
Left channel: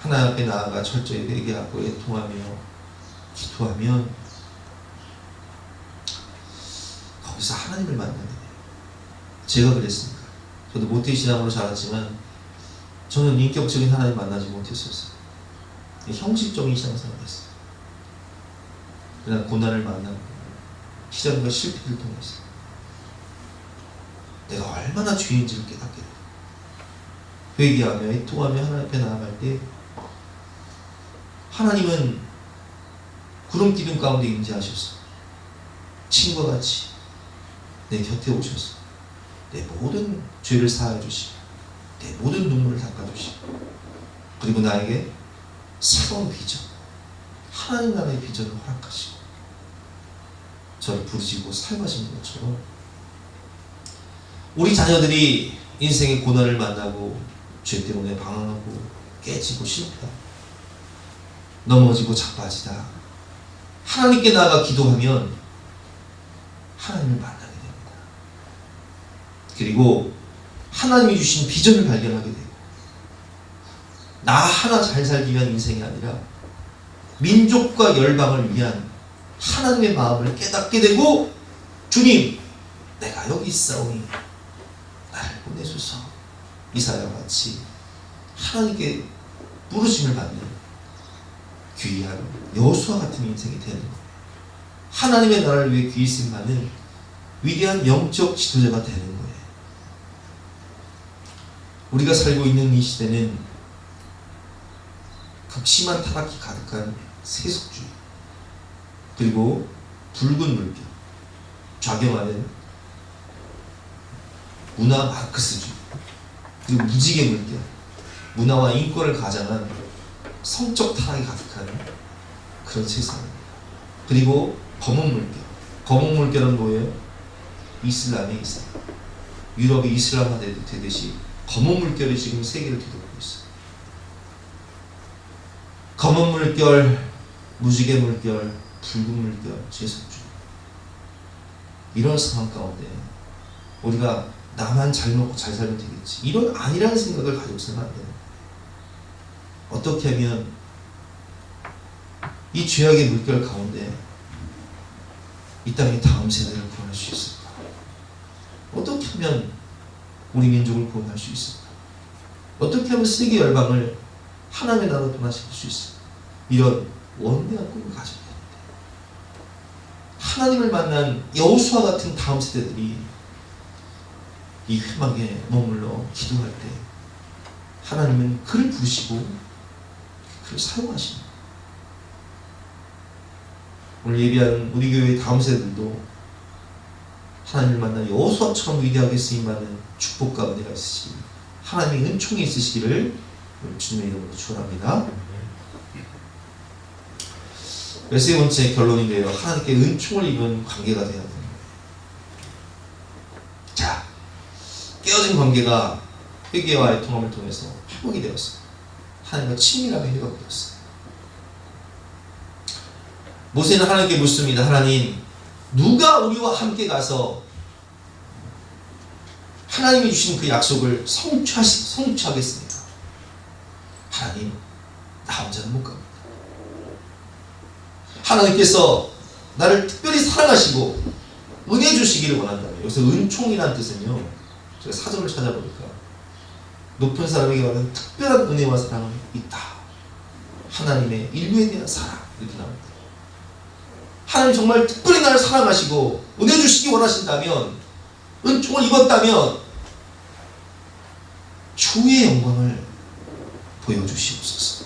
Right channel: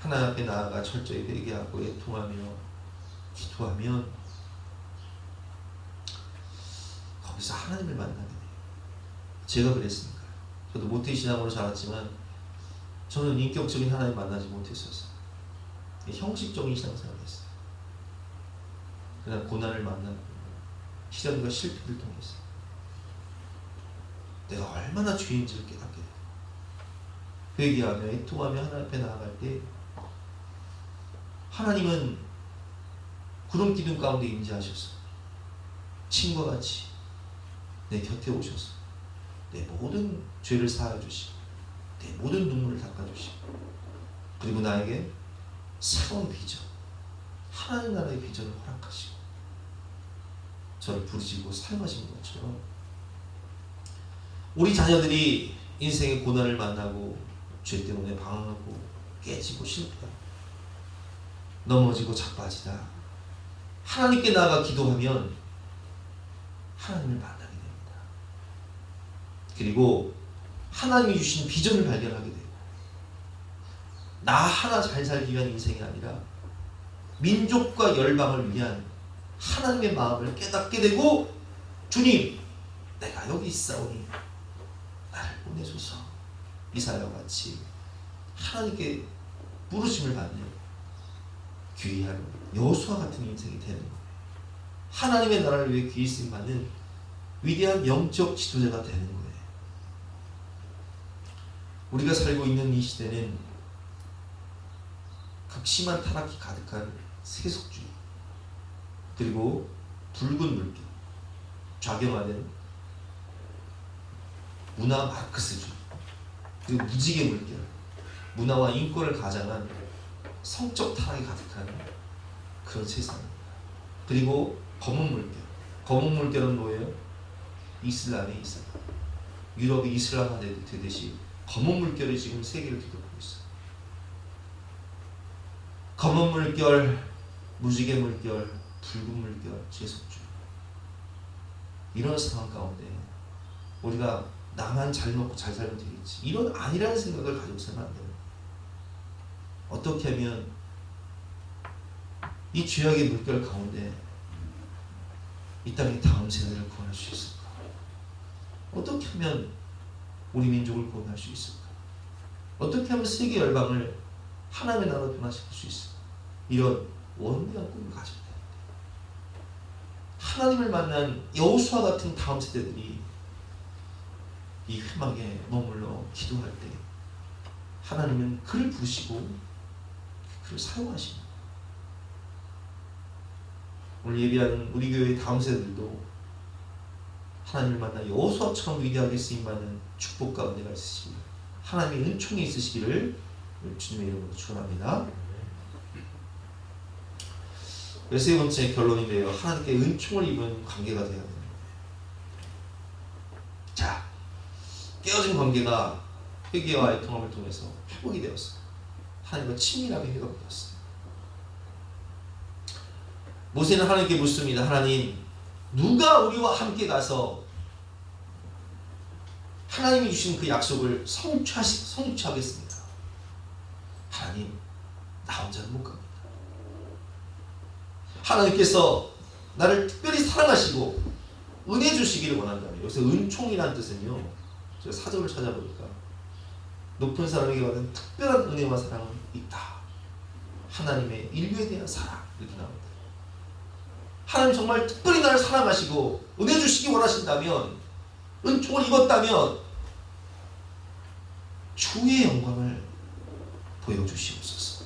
하나님 앞에 나아가 철저히 회개하고 애통하며 기도하면 거기서 하나님을 만나게 돼요. 제가 그랬습니다. 저도 모태신앙으로 자랐지만 저는 인격적인 하나님 만나지 못했었어요. 형식적인 신앙생활을 했어요. 그냥 고난을 만나고 시련과 실패를 통해서 내가 얼마나 죄인지를 깨닫게 돼요. 회개하며 애통하며 하나님 앞에 나아갈 때 하나님은 구름 기둥 가운데 임재하셔서 친구와 같이 내 곁에 오셔서 내 모든 죄를 사하여 주시고 내 모든 눈물을 닦아주시고 그리고 나에게 새로운 비전, 하나님 나라의 비전을 허락하시고 저를 부르시고 사용하시는 것처럼 우리 자녀들이 인생의 고난을 만나고 죄 때문에 방황하고 깨지고 실패하고 넘어지고 자빠지다 하나님께 나아가 기도하면 하나님을 만나게 됩니다. 그리고 하나님이 주신 비전을 발견하게 되고 나 하나 잘 살기 위한 인생이 아니라 민족과 열방을 위한 하나님의 마음을 깨닫게 되고 주님 내가 여기 있사오니 나를 보내소서 이사야와 같이 하나님께 부르심을 받는 귀한 여호수아 같은 인생이 되는 거예요. 하나님의 나라를 위해 귀히 쓰임받는 위대한 영적 지도자가 되는 거예요. 우리가 살고 있는 이 시대는 극심한 타락이 가득한 세속주의 그리고 붉은 물결 좌경하는 문화 마르크스주의 그리고 무지개 물결 문화와 인권을 가장한 성적 타락이 가득한 그런 세상입니다. 그리고 검은 물결 검은 물결은 뭐예요? 이슬람의 이슬람 유럽이 이슬람화 되듯이 검은 물결이 지금 세계를 뒤덮고 있어요. 검은 물결, 무지개 물결, 붉은 물결, 제석주의 이런 상황 가운데 우리가 나만 잘 먹고 잘 살면 되겠지 이런 아니라는 생각을 가지고 있으면 안 돼요. 어떻게 하면 이 죄악의 물결 가운데 이 땅의 다음 세대를 구원할 수 있을까? 어떻게 하면 우리 민족을 구원할 수 있을까? 어떻게 하면 세계 열방을 하나님의 나라로 변화시킬 수 있을까? 이런 원대한 꿈을 가져야 됩니다. 하나님을 만난 여호수아 같은 다음 세대들이 이 회막에 머물러 기도할 때 하나님은 그를 부르시고 그를 사용하십니다. 오늘 예비한 우리 교회의 다음 세대들도 하나님을 만나 여호수아처럼 위대하게 쓰임받는 축복과 은혜가 있으시기 하나님의 은총이 있으시기를 주님의 이름으로 축원합니다. 세 번째 결론인데요. 하나님께 은총을 입은 관계가 되어야 됩니다. 자, 깨어진 관계가 회개와 애통함을 통해서 회복이 되었어요. 하나님과 친밀하게 회복이 되었어요. 모세는 하나님께 묻습니다. 하나님, 누가 우리와 함께 가서 하나님이 주신 그 약속을 성취하겠습니까? 하나님, 나 혼자는 못 갑니다. 하나님께서 나를 특별히 사랑하시고 은혜 주시기를 원한다면 여기서 은총이라는 뜻은요 제가 사전을 찾아보니까 높은 사람에게 받은 특별한 은혜와 사랑은 있다. 하나님의 인류에 대한 사랑 이렇게 나옵니다. 하나님 정말 특별히 나를 사랑하시고 은혜 주시기 원하신다면 은총을 입었다면 주의 영광을 보여주시옵소서.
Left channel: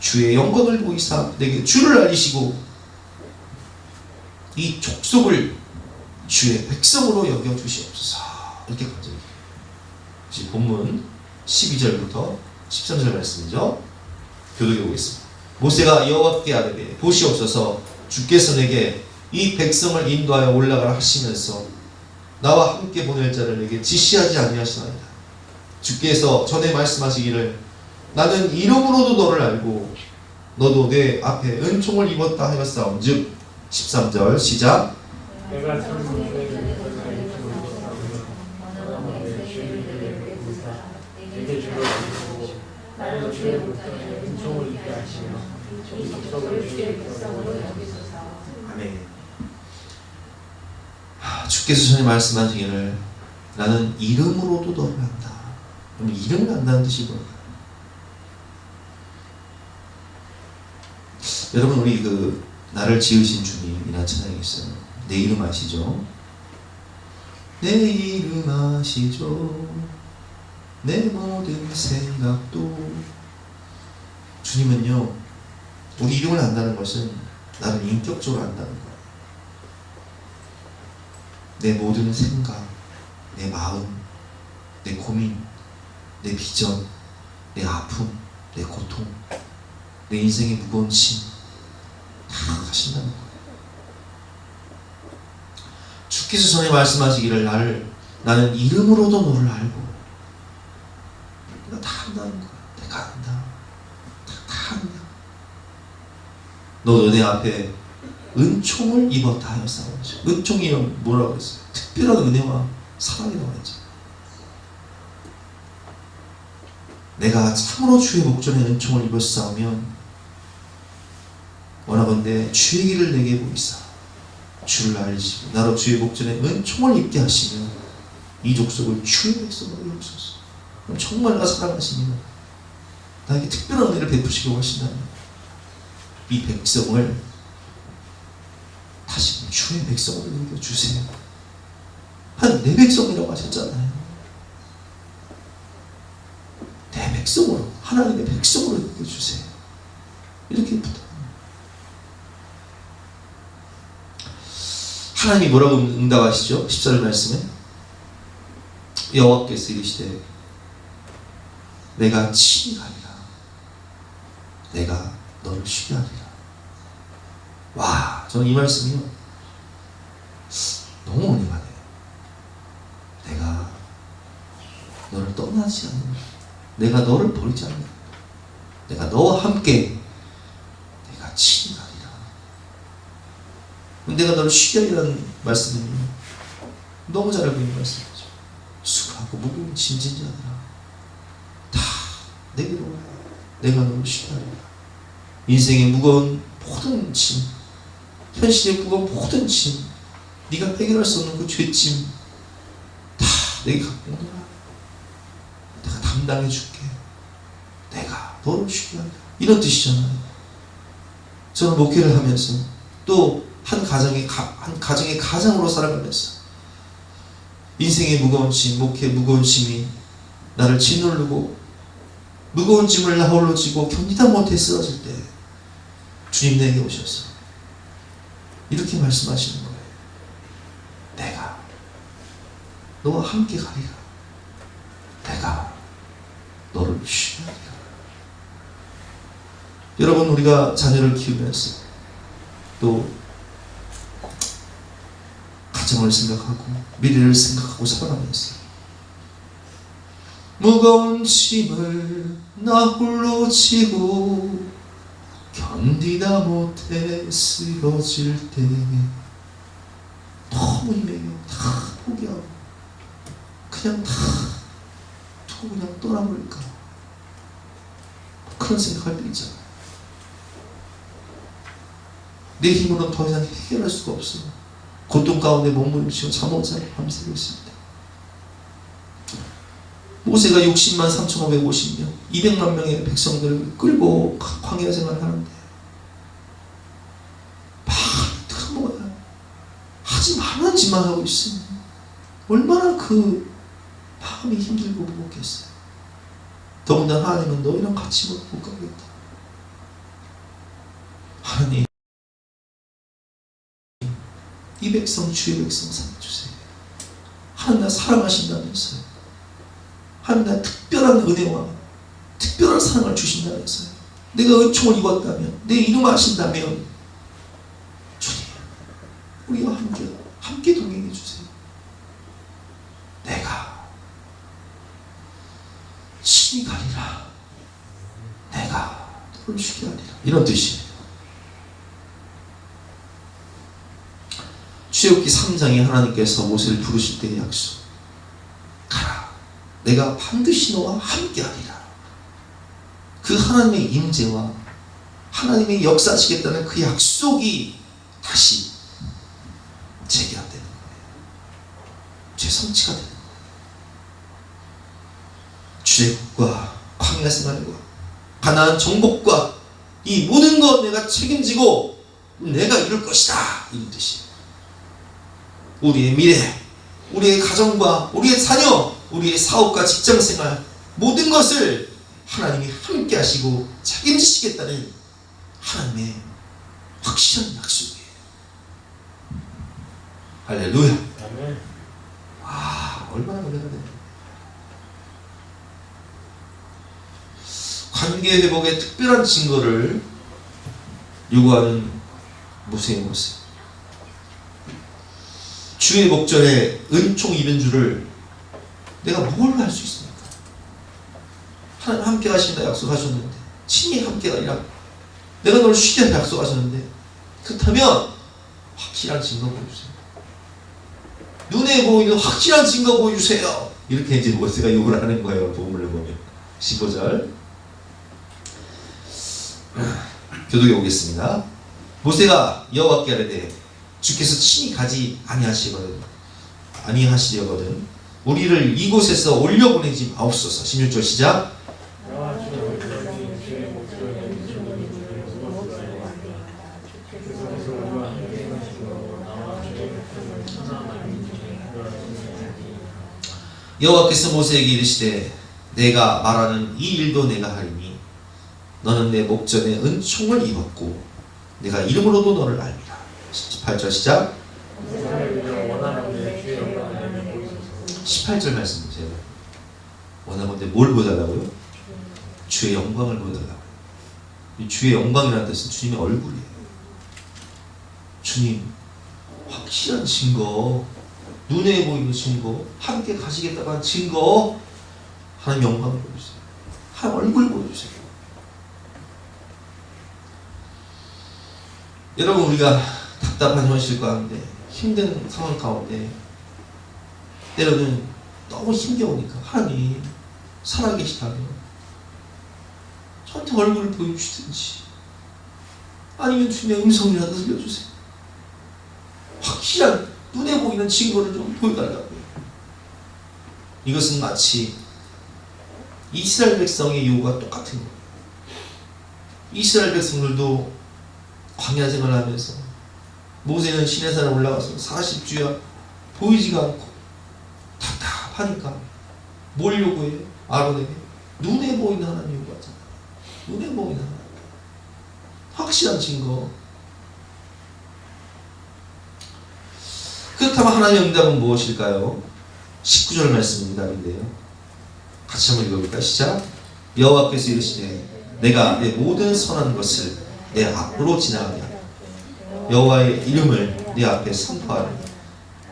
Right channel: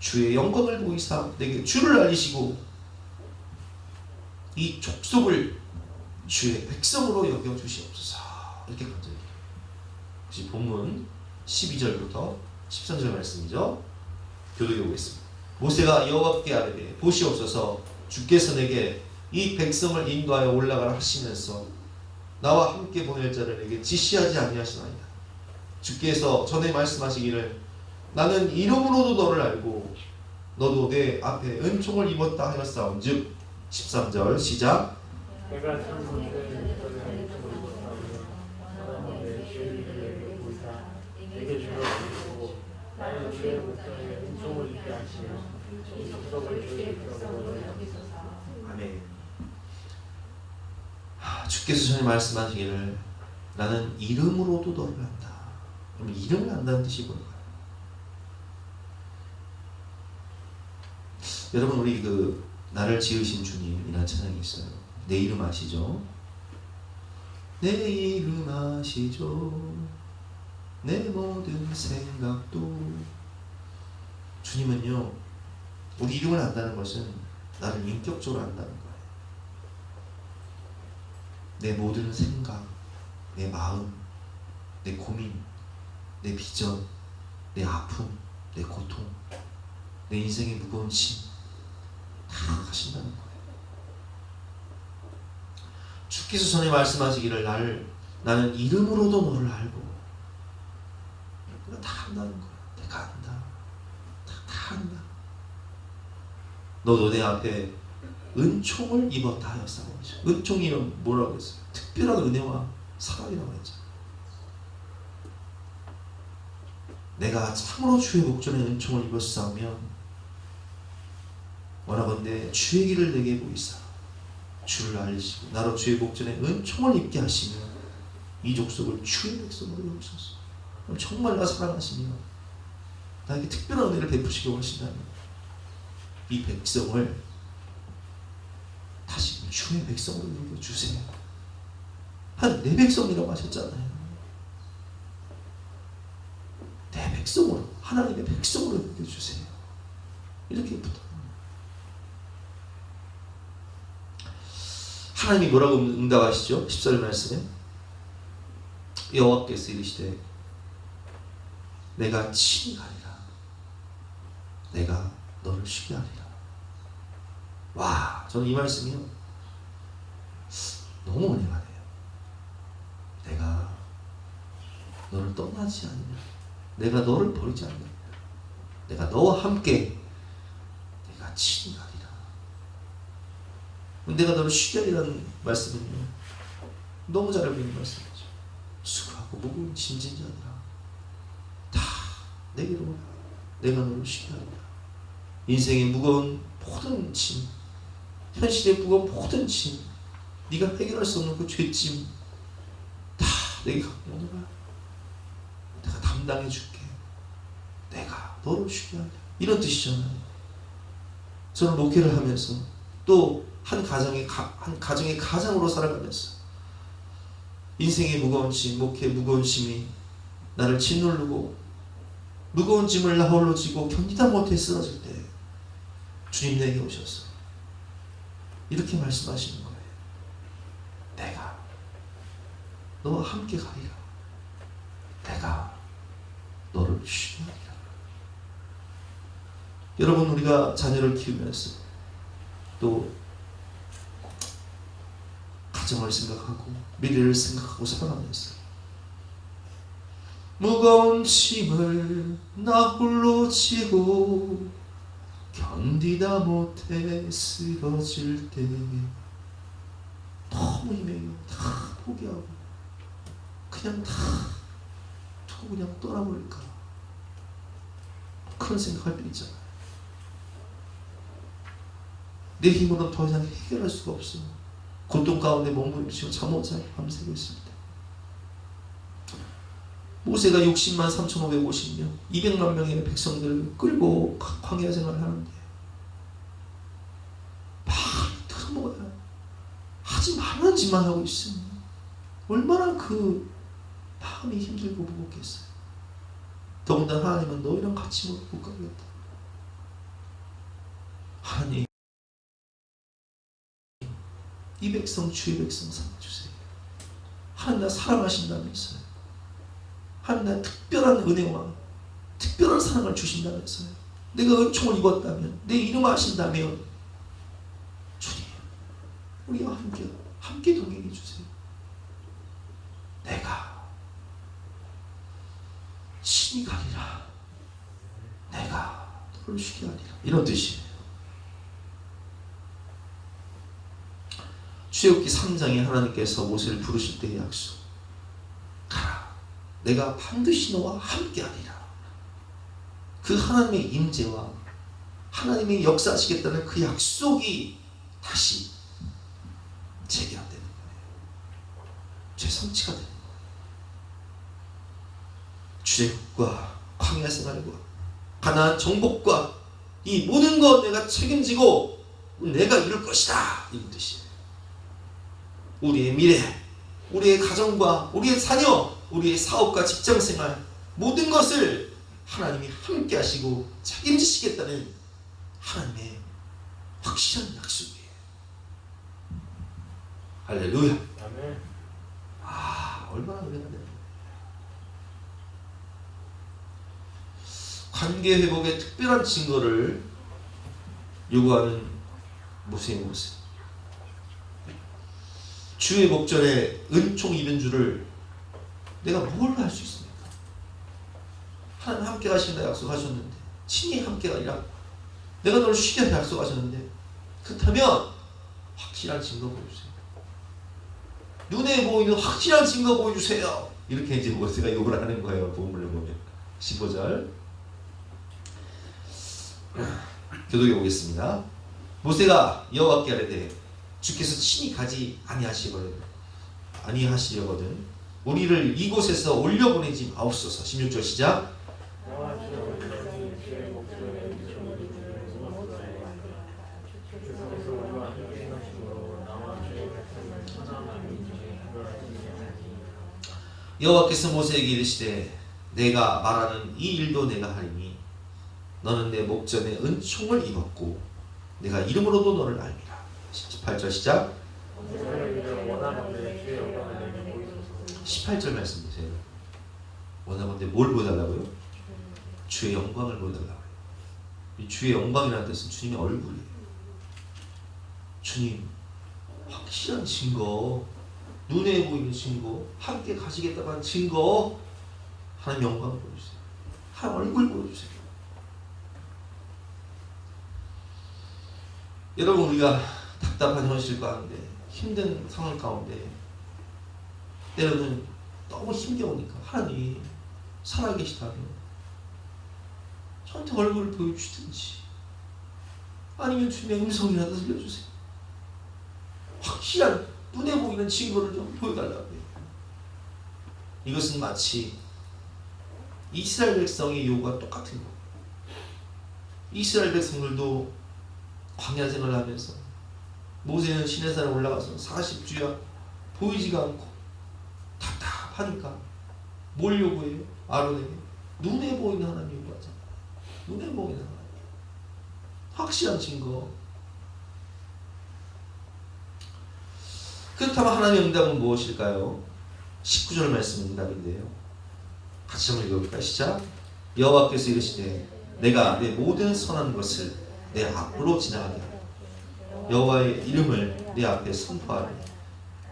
주의 영광을 보이사 내게 주를 알리시고 이 족속을 주의 백성으로 여겨주시옵소서. 이렇게 간절히 본문 12절부터 13절 말씀이죠. 교독해 보겠습니다. 모세가 여호와께 아뢰되 보시옵소서 주께서 내게 이 백성을 인도하여 올라가라 하시면서 나와 함께 보낼 자를 내게 지시하지 아니하시나이다. 주께서 전에 말씀하시기를 나는 이름으로도 너를 알고 너도 내 앞에 은총을 입었다 하였사온즉 13절 시작. 내가 내게 주를 알리고 나를 주의 볼때 은총을 입게 하시며 이 족속을 주의 백성으로 여기소서. 아멘. 주께서 전에 말씀하시기를 나는 이름으로도 너를 안다. 그럼 이름을 안다는 뜻이 뭘까요? 여러분, 우리 나를 지으신 주님이라는 찬양이 있어요. 내 이름 아시죠? 내 이름 아시죠? 내 모든 생각도. 주님은요, 우리 이름을 안다는 것은 나를 인격적으로 안다는 거예요. 내 모든 생각, 내 마음, 내 고민, 내 비전, 내 아픔, 내 고통, 내 인생의 무거운 짐 다 하신다는 거예요. 주께서 전에 말씀하시기를 나는 이름으로도 너를 알고. 내가 다 안다는 거야. 내가 안다. 다 안다. 너도 내 앞에 은총을 입었다 하여 싸우죠. 은총이면 뭐라고 그랬어요? 특별한 은혜와 사랑이라고 했죠. 내가 참으로 주의 목전에 은총을 입어서 싸우면 원하건대 주의 길을 내게 보이사 주를 알리시고 나로 주의 목전에 은총을 입게 하시면 이 족속을 주의 백성으로 여기소서. 그럼 정말 나 사랑하시면 나에게 특별한 은혜를 베푸시려고 하신다면 이 백성을 다시 주의 백성으로 여겨주세요. 내 백성이라고 하셨잖아요. 내 백성으로, 하나님의 백성으로 여겨주세요. 이렇게 부탁합니다. 하나님이 뭐라고 응답하시죠? 14절 말씀에 여호와께서 이르시되 내가 친히 가리라. 내가 너를 쉬게 하리라. 와, 저는 이 말씀이요 너무 은혜가네요. 내가 너를 떠나지 않는, 내가 너를 버리지 않는, 내가 너와 함께 내가 친히 가리라. 내가 너를 쉬게 하리라는 말씀은요 너무 잘 알고 있는 말씀이죠. 수고하고 무거운 짐진 자들아 다 내게로 오라. 내가 너를 쉬게 하리라. 인생의 무거운 모든 짐, 현실의 무거운 모든 짐, 네가 해결할 수 없는 그 죄짐 다 내게 갖고 오너라. 내가 담당해 줄게. 내가 너를 쉬게 하리라. 이런 뜻이잖아요. 저는 목회를 하면서 또 한 가정의 가장으로 살아가면서 인생의 무거운 짐, 목회의 무거운 짐이 나를 짓누르고 무거운 짐을 나 홀로 지고 견디다 못해 쓰러질 때 주님 내게 오셔서 이렇게 말씀하시는 거예요. 내가 너와 함께 가리라. 내가 너를 쉬게 하리라. 여러분, 우리가 자녀를 키우면서 또 가정을 생각하고 미래를 생각하고 살아가면서 무거운 짐을 나 홀로 지고 견디다 못해 쓰러질 때 너무 힘들게 다 포기하고 그냥 다 두고 그냥 떠나버릴까, 그런 생각할 때 있잖아요. 내 힘으로는 더 이상 해결할 수가 없어. 고통 가운데 몸부림치고 잠 못 자고 밤새고 있습니다. 모세가 60만 3,550명 200만 명의 백성들을 끌고 광야 생활을 하는데 막 먹어야 하지 말라는 짓만 하고 있으면 얼마나 그 마음이 힘들고 무겁겠어요. 더군다나 하나님은 너희랑 같이 못 가겠다. 하나님, 이 백성 주의 백성 삼아주세요. 하나님 나 사랑하신다면서요. 하나님 나 특별한 은혜와 특별한 사랑을 주신다면서요. 내가 은총을 입었다면, 내 이름 아신다면 주님 우리와 함께 동행해 주세요. 내가 친히 가리라. 내가 너를 쉬게 하리라. 이런 뜻이에요. 출애굽기 3장에 하나님께서 모세를 부르실 때의 약속, 가라, 내가 반드시 너와 함께하리라. 그 하나님의 임재와 하나님의 역사하시겠다는 그 약속이 다시 재개되는 거예요. 재성취가 되는 거예요. 출애굽과 광야 생활과 가나안 정복과 이 모든 것 내가 책임지고 내가 이룰 것이다, 이 뜻이에요. 우리의 미래, 우리의 가정과 우리의 자녀, 우리의 사업과 직장생활 모든 것을 하나님이 함께 하시고 책임지시겠다는 하나님의 확실한 약속이에요. 할렐루야. 아멘. 얼마나 은혜가 되는 관계 회복의 특별한 증거를 요구하는 모세의 모습. 주의 목전에 은총 입은 줄을 내가 뭘 할 수 있습니까? 하나님 함께 가신다 약속하셨는데, 친히 함께가 아니라 내가 너를 쉬겠다 약속하셨는데, 그렇다면 확실한 증거 보여주세요. 눈에 보이는 확실한 증거 보여주세요. 이렇게 이제 모세가 요구를 하는 거예요. 복음을 보면 15절 교독해 보겠습니다. 모세가 여호와께 아뢰되 주께서 친히 가지 아니하시려거든 우리를 이곳에서 올려보내지 마옵소서. 16절 시작. 여호와께서 모세에게 이르시되 내가 말하는 이 일도 내가 하리니 너는 내 목전에 은총을 입었고 내가 이름으로도 너를 알리라. 18절 시작. 18절 말씀 보세요. 원하건대 뭘 보여달라고요? 주의 영광을 보여달라고요. 이 주의 영광이라는 뜻은 주님의 얼굴이에요. 주님 확실한 증거, 눈에 보이는 증거, 함께 가시겠다고 한 증거, 하나님 영광을 보여주세요. 하나님 얼굴 보여주세요. 여러분, 우리가 답답한 현실 가운데, 힘든 상황 가운데 때로는 너무 힘겨우니까 하나님 살아계시다면 저한테 얼굴을 보여주시든지 아니면 주님의 음성이라도 들려주세요. 확실한 눈에 보이는 증거를 좀 보여달라고요. 이것은 마치 이스라엘 백성의 요구가 똑같은 거예요. 이스라엘 백성들도 광야 생활하면서 모세는 시내산에 올라가서 40주야 보이지가 않고 답답하니까 뭘 요구해요? 아론에게 눈에 보이는 하나님 요구하잖아요. 눈에 보이는 하나님, 확실한 증거. 그렇다면 하나님의 응답은 무엇일까요? 19절 말씀 응답인데요. 같이 한번 읽어볼까요? 시작. 여호와께서 이르시되 내가 내 모든 선한 것을 내 앞으로 지나가게 하라. 여호와의 이름을 내 앞에 선포하라.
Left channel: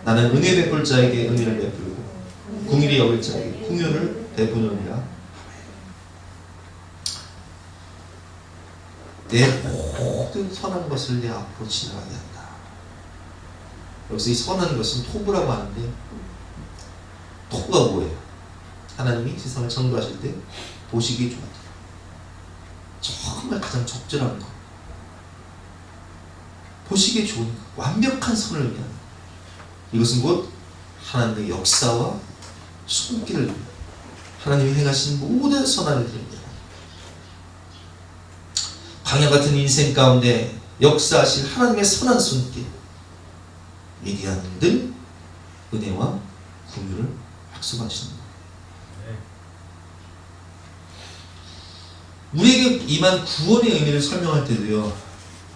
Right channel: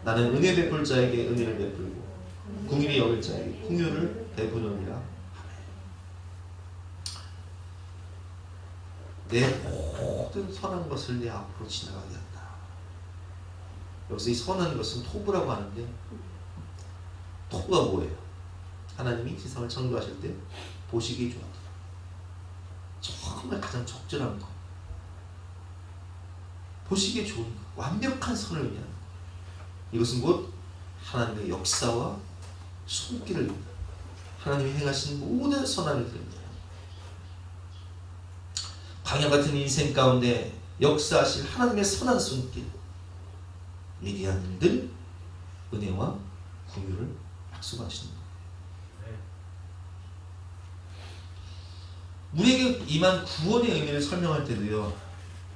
나는 은혜 베풀 자에게 은혜를 베풀고 궁일이 여길 자에게 궁휼을 베푸느니라. 내 모든 선한 것을 내 앞으로 지나가게 한다. 여기서 이 선한 것은 토부라고 하는데, 토부가 뭐예요? 하나님이 세상을 창조하실 때 보시기에 좋았다. 정말 가장 적절한 것, 보시기에 좋은 것, 완벽한 선을 의미하는, 이것은 곧 하나님의 역사와 손길을, 하나님이 행하신 모든 선한을 드립니다. 광야 같은 인생 가운데 역사하실 하나님의 선한 손길, 미디안들 은혜와 긍휼을 약속하십니다. 우리에게 임한 구원의 의미를 설명할 때도요,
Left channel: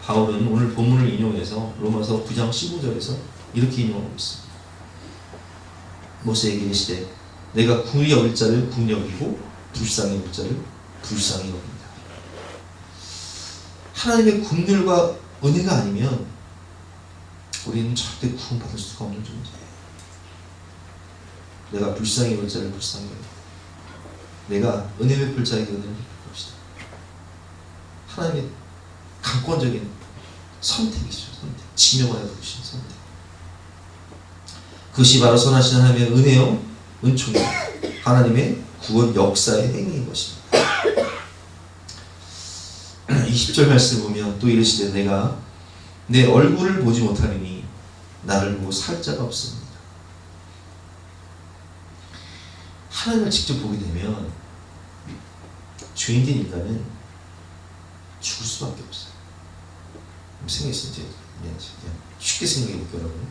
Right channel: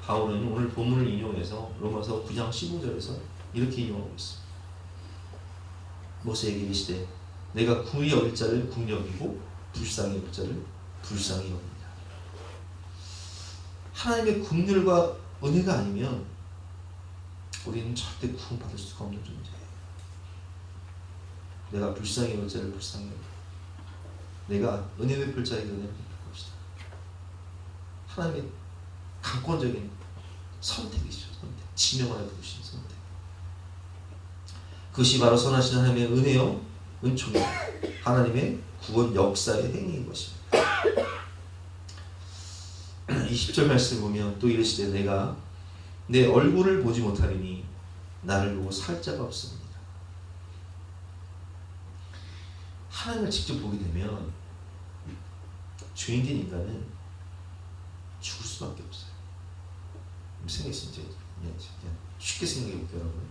바울은 오늘 본문을 인용해서 로마서 9장 15절에서 이렇게 인용하고 있습니다. 모세에게 이르시되 내가 궁히 여길 자를 궁히 여기고 불쌍히 여길 자를 불쌍히 여깁니다. 하나님의 긍휼과 은혜가 아니면 우리는 절대 구원받을 수가 없는 존재예요. 내가 불쌍히 여길 자를 불쌍히 여기고 내가 은혜 베풀 자에게 은혜를 베풀 것이다. 하나님의 강권적인 선택이죠. 선택. 지명하여 부르신 선택. 그것이 바로 선하신 하나님의 은혜요, 은총이요, 하나님의 구원 역사의 행위인 것입니다. 20절 말씀을 보면 또 이르시되 내가 내 얼굴을 보지 못하리니 나를 보고 살 자가 없습니다. 하나님을 직접 보게 되면 죄인된 인간은 죽을 수밖에 없어요. 생각했어요. 이제 그냥 쉽게 생각해 볼게요, 여러분.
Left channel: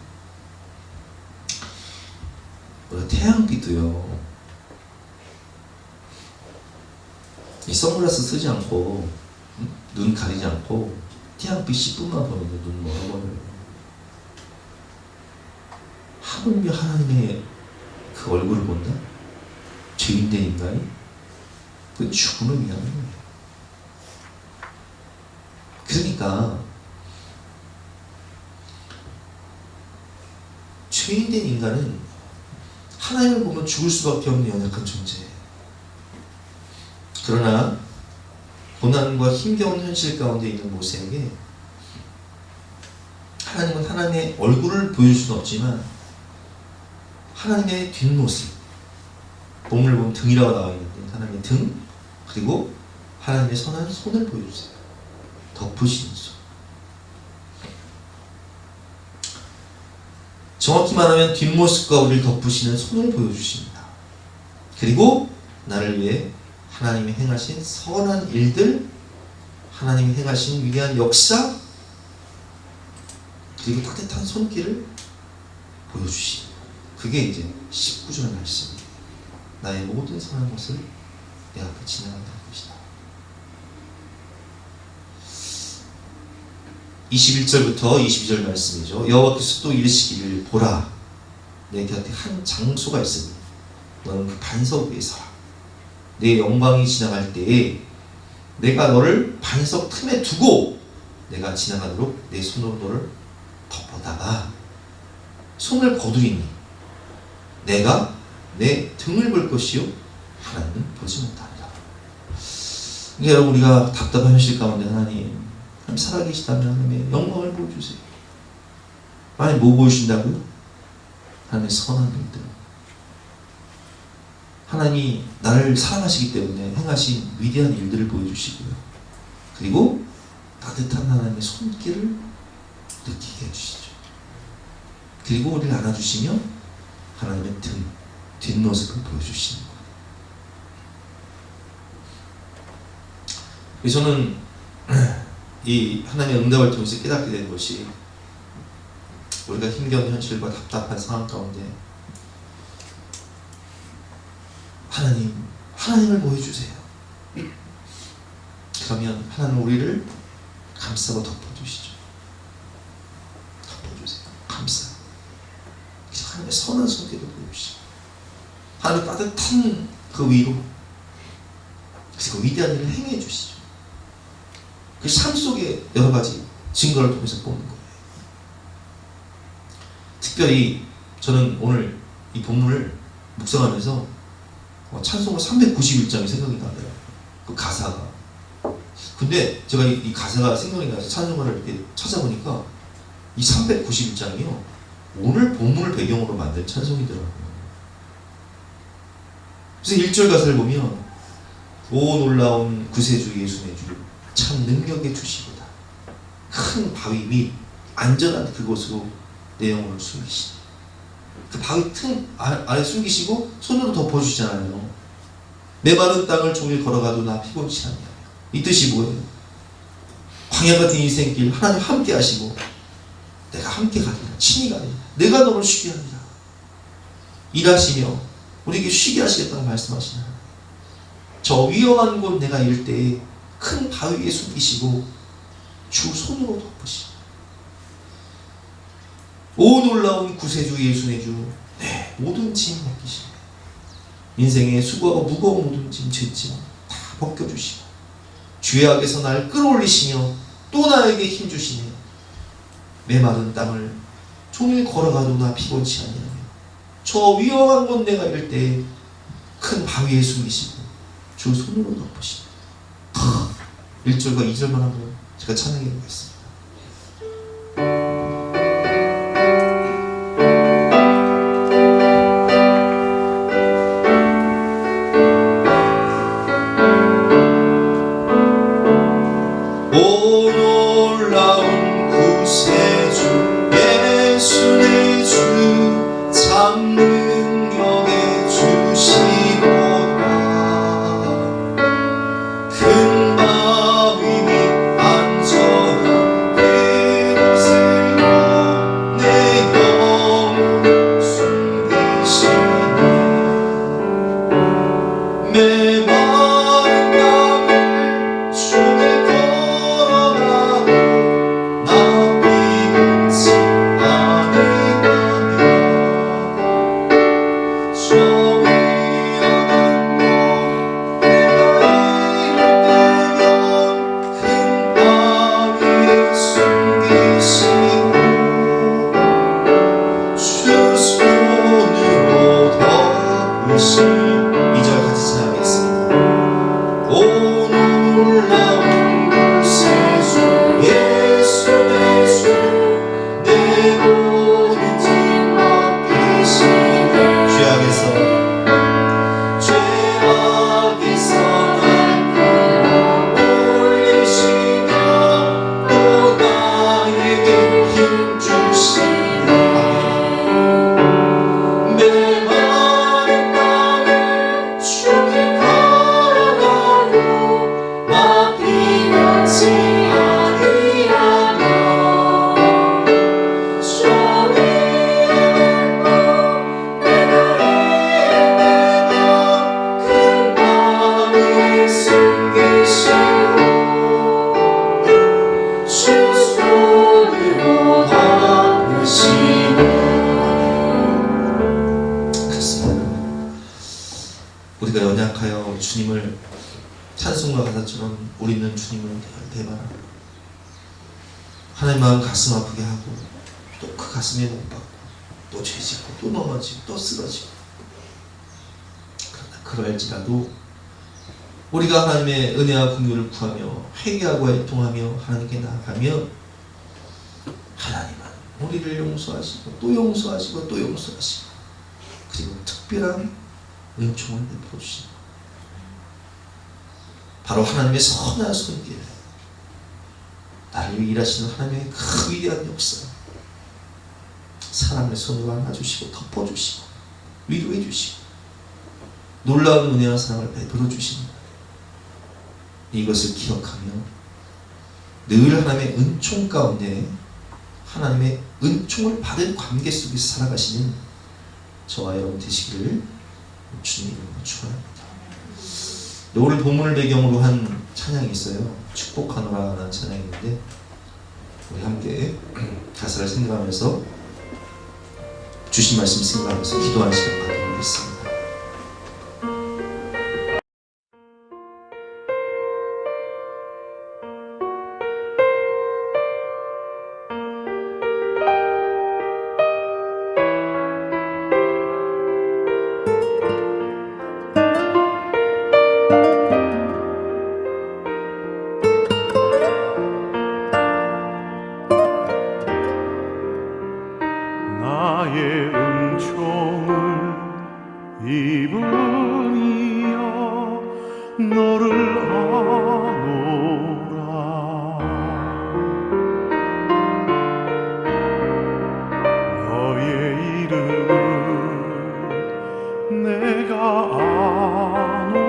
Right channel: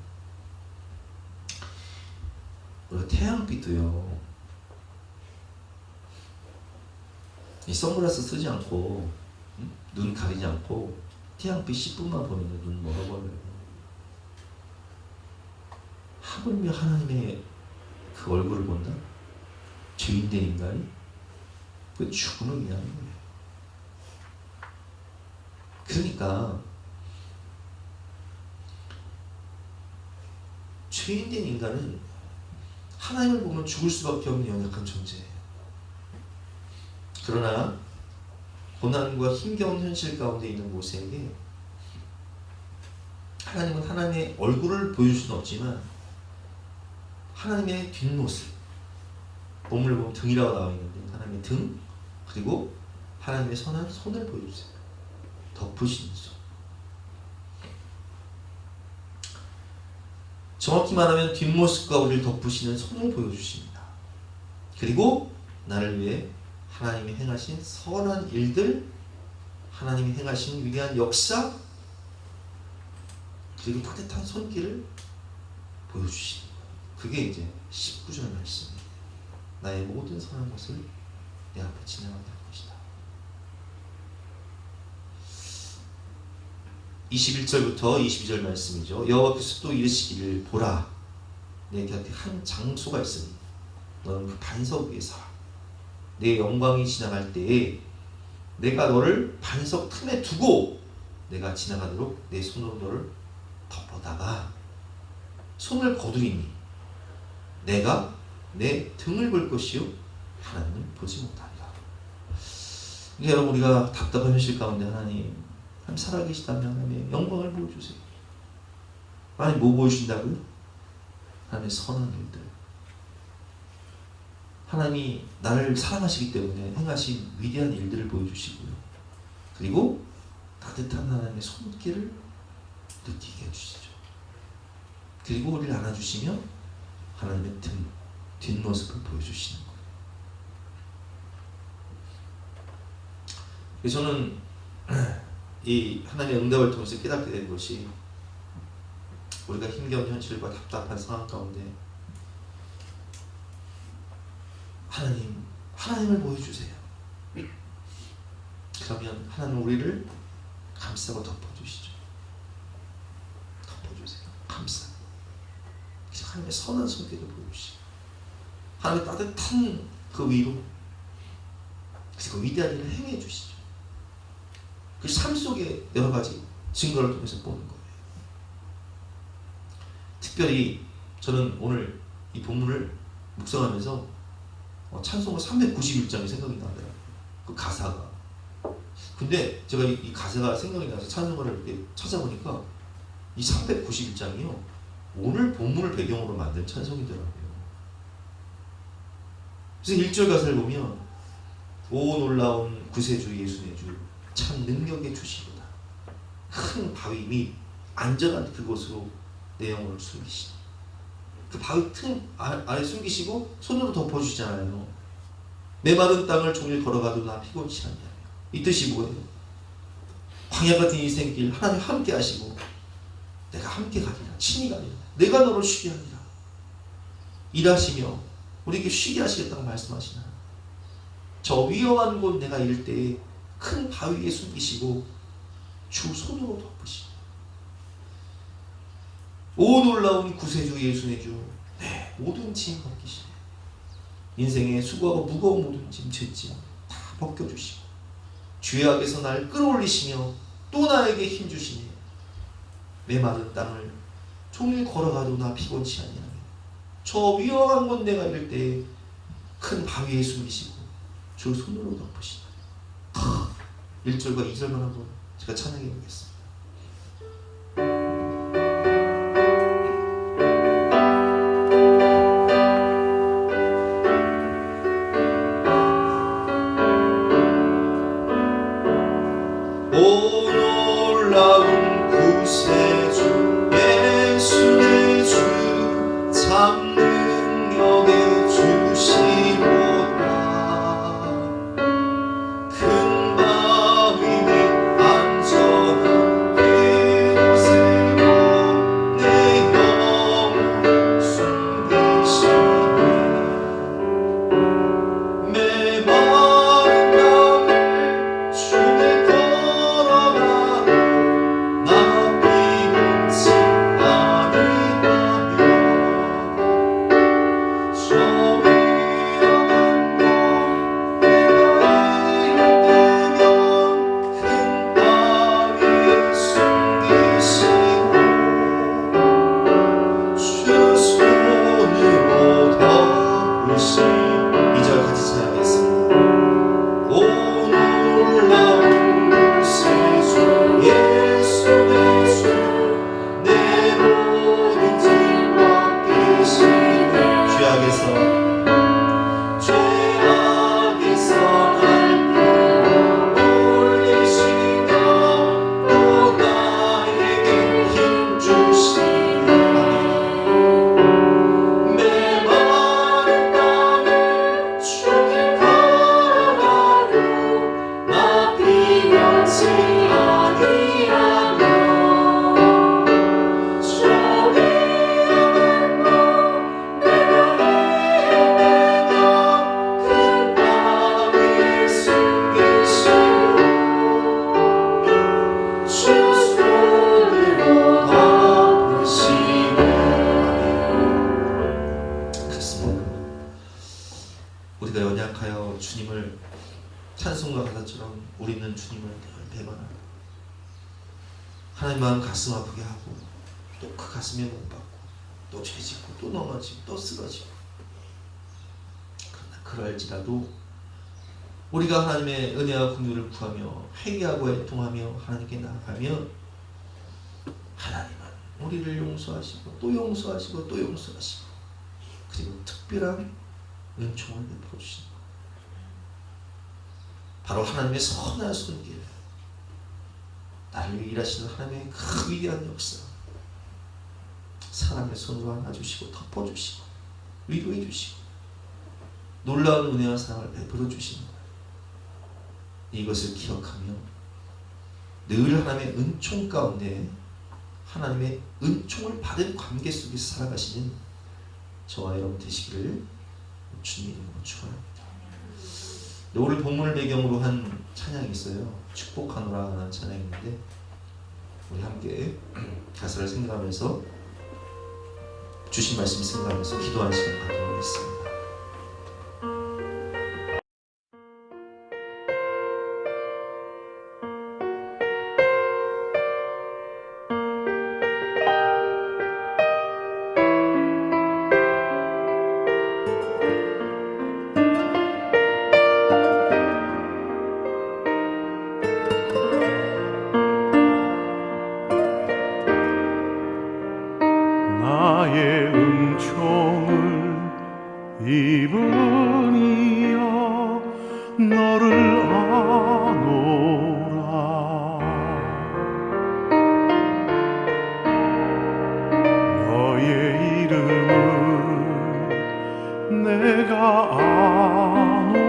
우리가 태양빛도요, 이 선글라스 쓰지 않고, 눈 가리지 않고 태양빛 10분만 보면 눈 멀어버려요. 하물며 하나님의 그 얼굴을 본다? 죄인된 인간이 그 죽음을 위하는 거예요. 그러니까 죄인된 인간은 하나님을 보면 죽을 수밖에 없는 연약한 존재예요. 그러나 고난과 힘겨운 현실 가운데 있는 모세에게 하나님은 하나님의 얼굴을 보여줄 수는 없지만 하나님의 뒷모습, 본문을 보면 등이라고 나와 있는데 하나님의 등, 그리고 하나님의 선한 손을 보여주세요. 덮으시는 손. 정확히 말하면 뒷모습과 우리를 덮으시는 손을 보여주십니다. 그리고 나를 위해 하나님이 행하신 선한 일들, 하나님이 행하신 위대한 역사, 그리고 따뜻한 손길을 보여주시니, 그게 이제 19절 말씀입니다. 나의 모든 선한 것을 내 앞에 지나간다는 것이다. 21절부터 22절 말씀이죠. 여호와께서 또 이르시기를, 보라, 내 곁에 한 장소가 있으니 너는 그 반석 위에 서라. 내 영광이 지나갈 때에 내가 너를 반석 틈에 두고 내가 지나가도록 내 손으로 너를 덮어다가 손을 거두리니 내가 내 등을 볼 것이요 하나님은 보지 못하리라. 그러니까 여러분, 우리가 답답한 현실 가운데 하나님 살아계시다면 하나님의 영광을 보여주세요. 하나님 뭐 보여주신다고요? 하나님의 선한 일들. 하나님이 나를 사랑하시기 때문에 행하신 위대한 일들을 보여주시고요. 그리고 따뜻한 하나님의 손길을 느끼게 해주시죠. 그리고 우리를 안아주시며 하나님의 등, 뒷모습을 보여주시는 거예요. 그래서 저는 이 하나님의 응답을 통해서 깨닫게 된 것이, 우리가 힘겨운 현실과 답답한 상황 가운데 하나님을 보여주세요. 그러면 하나님은 우리를 감싸고 덮어주시죠. 덮어주세요. 감싸. 하나님의 선한 손길을 보여주시죠. 하나님의 따뜻한 그 위로, 그리고 위대한 일을 행해 주시죠. 그 삶 속에 여러 가지 증거를 통해서 보는 거예요. 특별히 저는 오늘 이 본문을 묵상하면서 찬송가 391장이 생각이 나더라고요. 그 가사가. 근데 제가 이 가사가 생각이 나서 찬송가를 이렇게 찾아보니까 이 391장이요, 오늘 본문을 배경으로 만든 찬송이더라고요. 그래서 1절 가사를 보면, 오 놀라운 구세주 예수의 주, 참 능력의 주시보다 큰 바위 및 안전한 그곳으로 내 영혼을 숨기시니, 그 바위 틈 아래 숨기시고 손으로 덮어주시잖아요. 메마른 땅을 종일 걸어가도 나 피곤치 않냐. 이 뜻이 뭐예요? 광야 같은 인생길 하나님 함께 하시고, 내가 함께 가리라, 친히 가리라, 내가 너를 쉬게 하리라. 일하시며 우리에게 쉬게 하시겠다고 말씀하시나. 저 위험한 곳 내가 이를 때에 큰 바위 위에 숨기시고 주 손으로 덮으시고, 오 놀라운 구세주 예수의 주, 네 모든 짐 벗기시고, 인생의 수고하고 무거운 모든 짐, 죄짐 다 벗겨주시고, 죄악에서 날 끌어올리시며 또 나에게 힘주시니, 메마른 땅을 종일 걸어가도 나 피곤치 아니하며 저 위험한 곳 내가 이를 때 큰 바위에 숨기시고 주 손으로 덮으시니. 1절과 2절만 한번 제가 찬양해 보겠습니다. 오 놀라운 구세주 예수의 주, 참 능력의 주시보다 우리가 연약하여 주님을 찬송과 가사처럼 우리는 주님을 대바라. 하나님 마음 가슴 아프게 하고 또 그 가슴에 못 박고 또 죄짓고 또 넘어지고 또 쓰러지고, 그러나 그럴지라도 우리가 하나님의 은혜와 긍휼을 구하며 회개하고 애통하며 하나님께 나아가며 하나님은 우리를 용서하시고 또 용서하시고 또 용서하시고, 그리고 특별한 은총을 베풀어 주신다. 바로 하나님의 선한 손길, 나를 위해 일하시는 하나님의 그 위대한 역사, 사랑의 손으로 안아주시고 덮어주시고 위로해 주시고 놀라운 은혜와 사랑을 베풀어 주십니다. 이것을 기억하며 늘 하나님의 은총 가운데 하나님의 은총을 받은 관계 속에서 살아가시는 저와 여러분 되시기를 주님 이름으로 축원합니다. 오늘 본문을 배경으로 한 찬양이 있어요. 축복하노라는 찬양인데 우리 함께 가사를 생각하면서 주신 말씀 생각하면서 기도하는 시간 갖도록 하겠습니다. 나의 은총을 입으니여 너를 아노라. 너의 이름을 내가 아노라.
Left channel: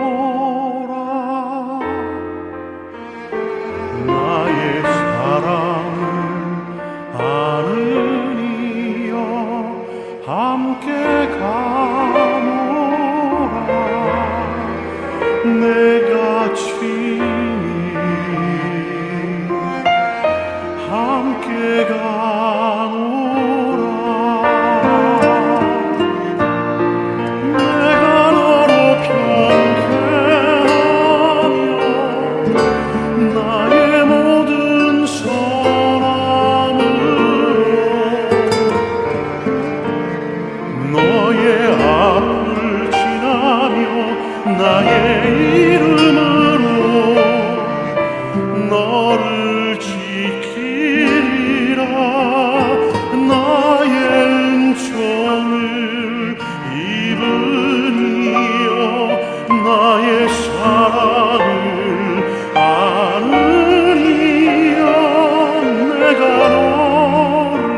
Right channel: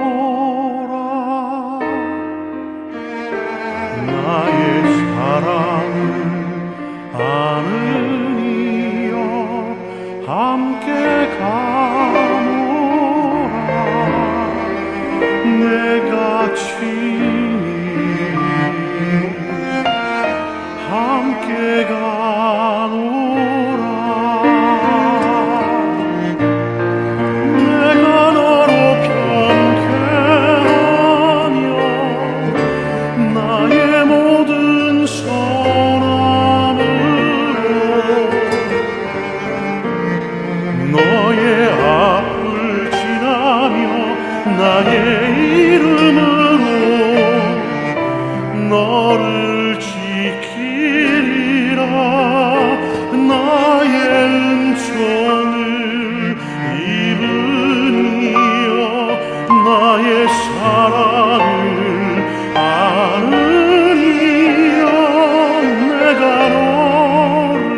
나의 사랑을 아느니여 함께 가노라. 내가 친히 함께 가노라. 내가 너로 편쾌하며 나의 모든 선함으로 너의 앞을 지나며 나의 이름으로 너를 지키리라. 나의 은총을 입으니여 나의 사랑을 아느니여 내가 너를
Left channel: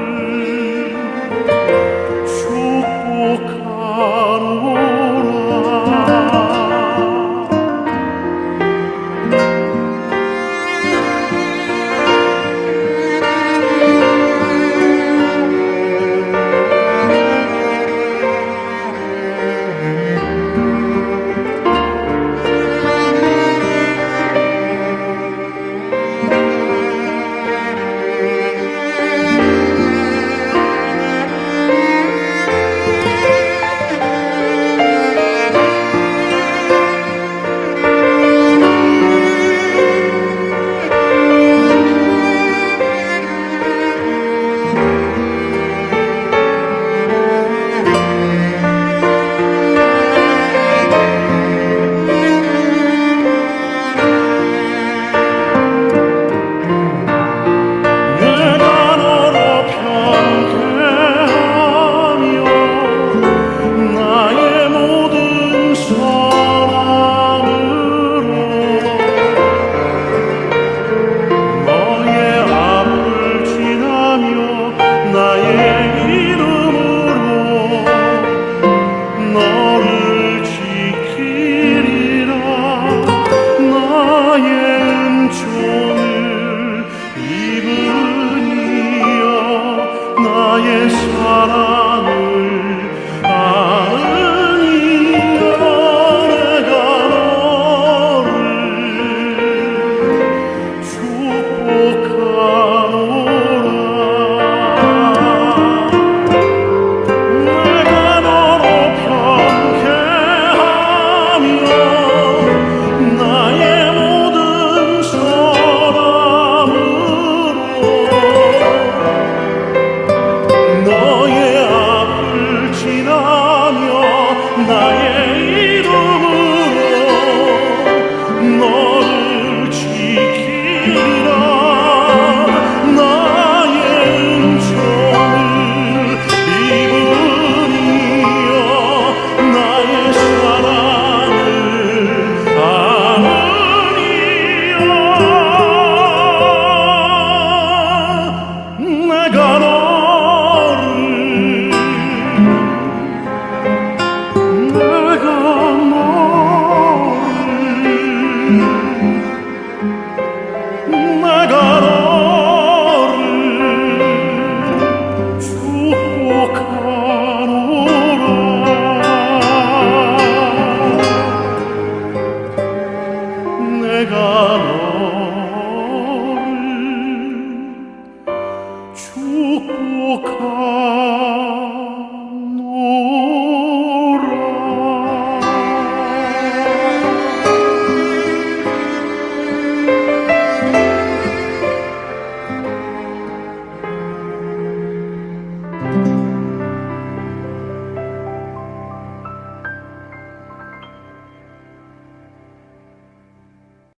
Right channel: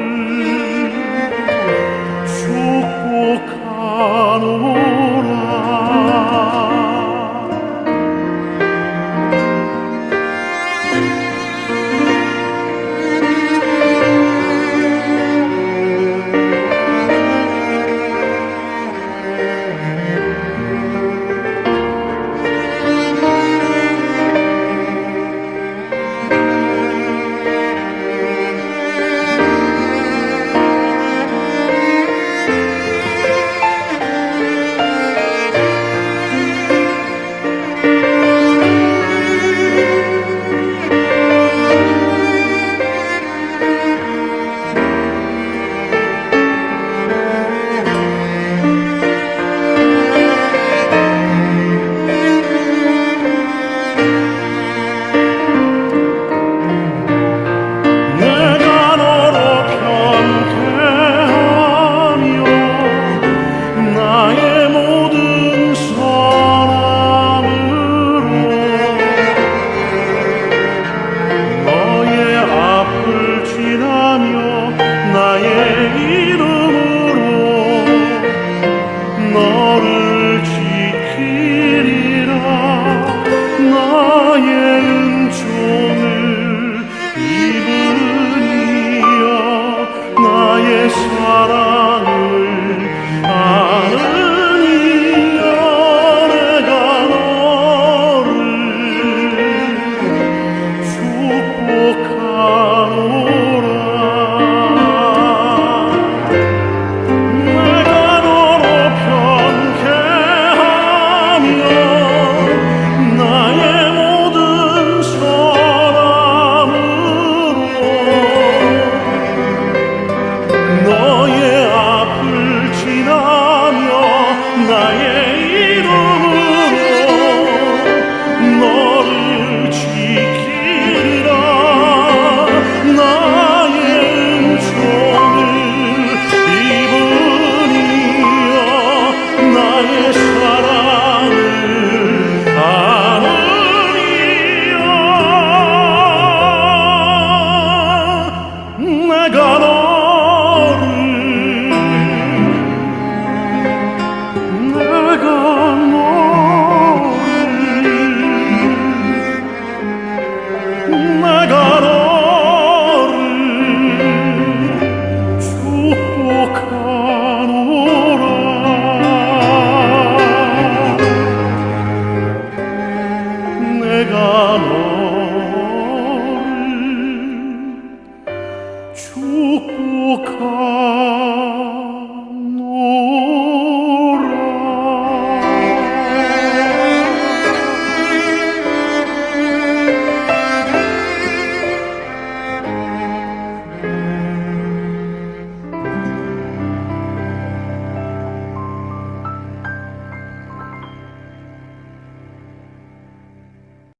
축복하노라. 내가 너로 편쾌하며 이루리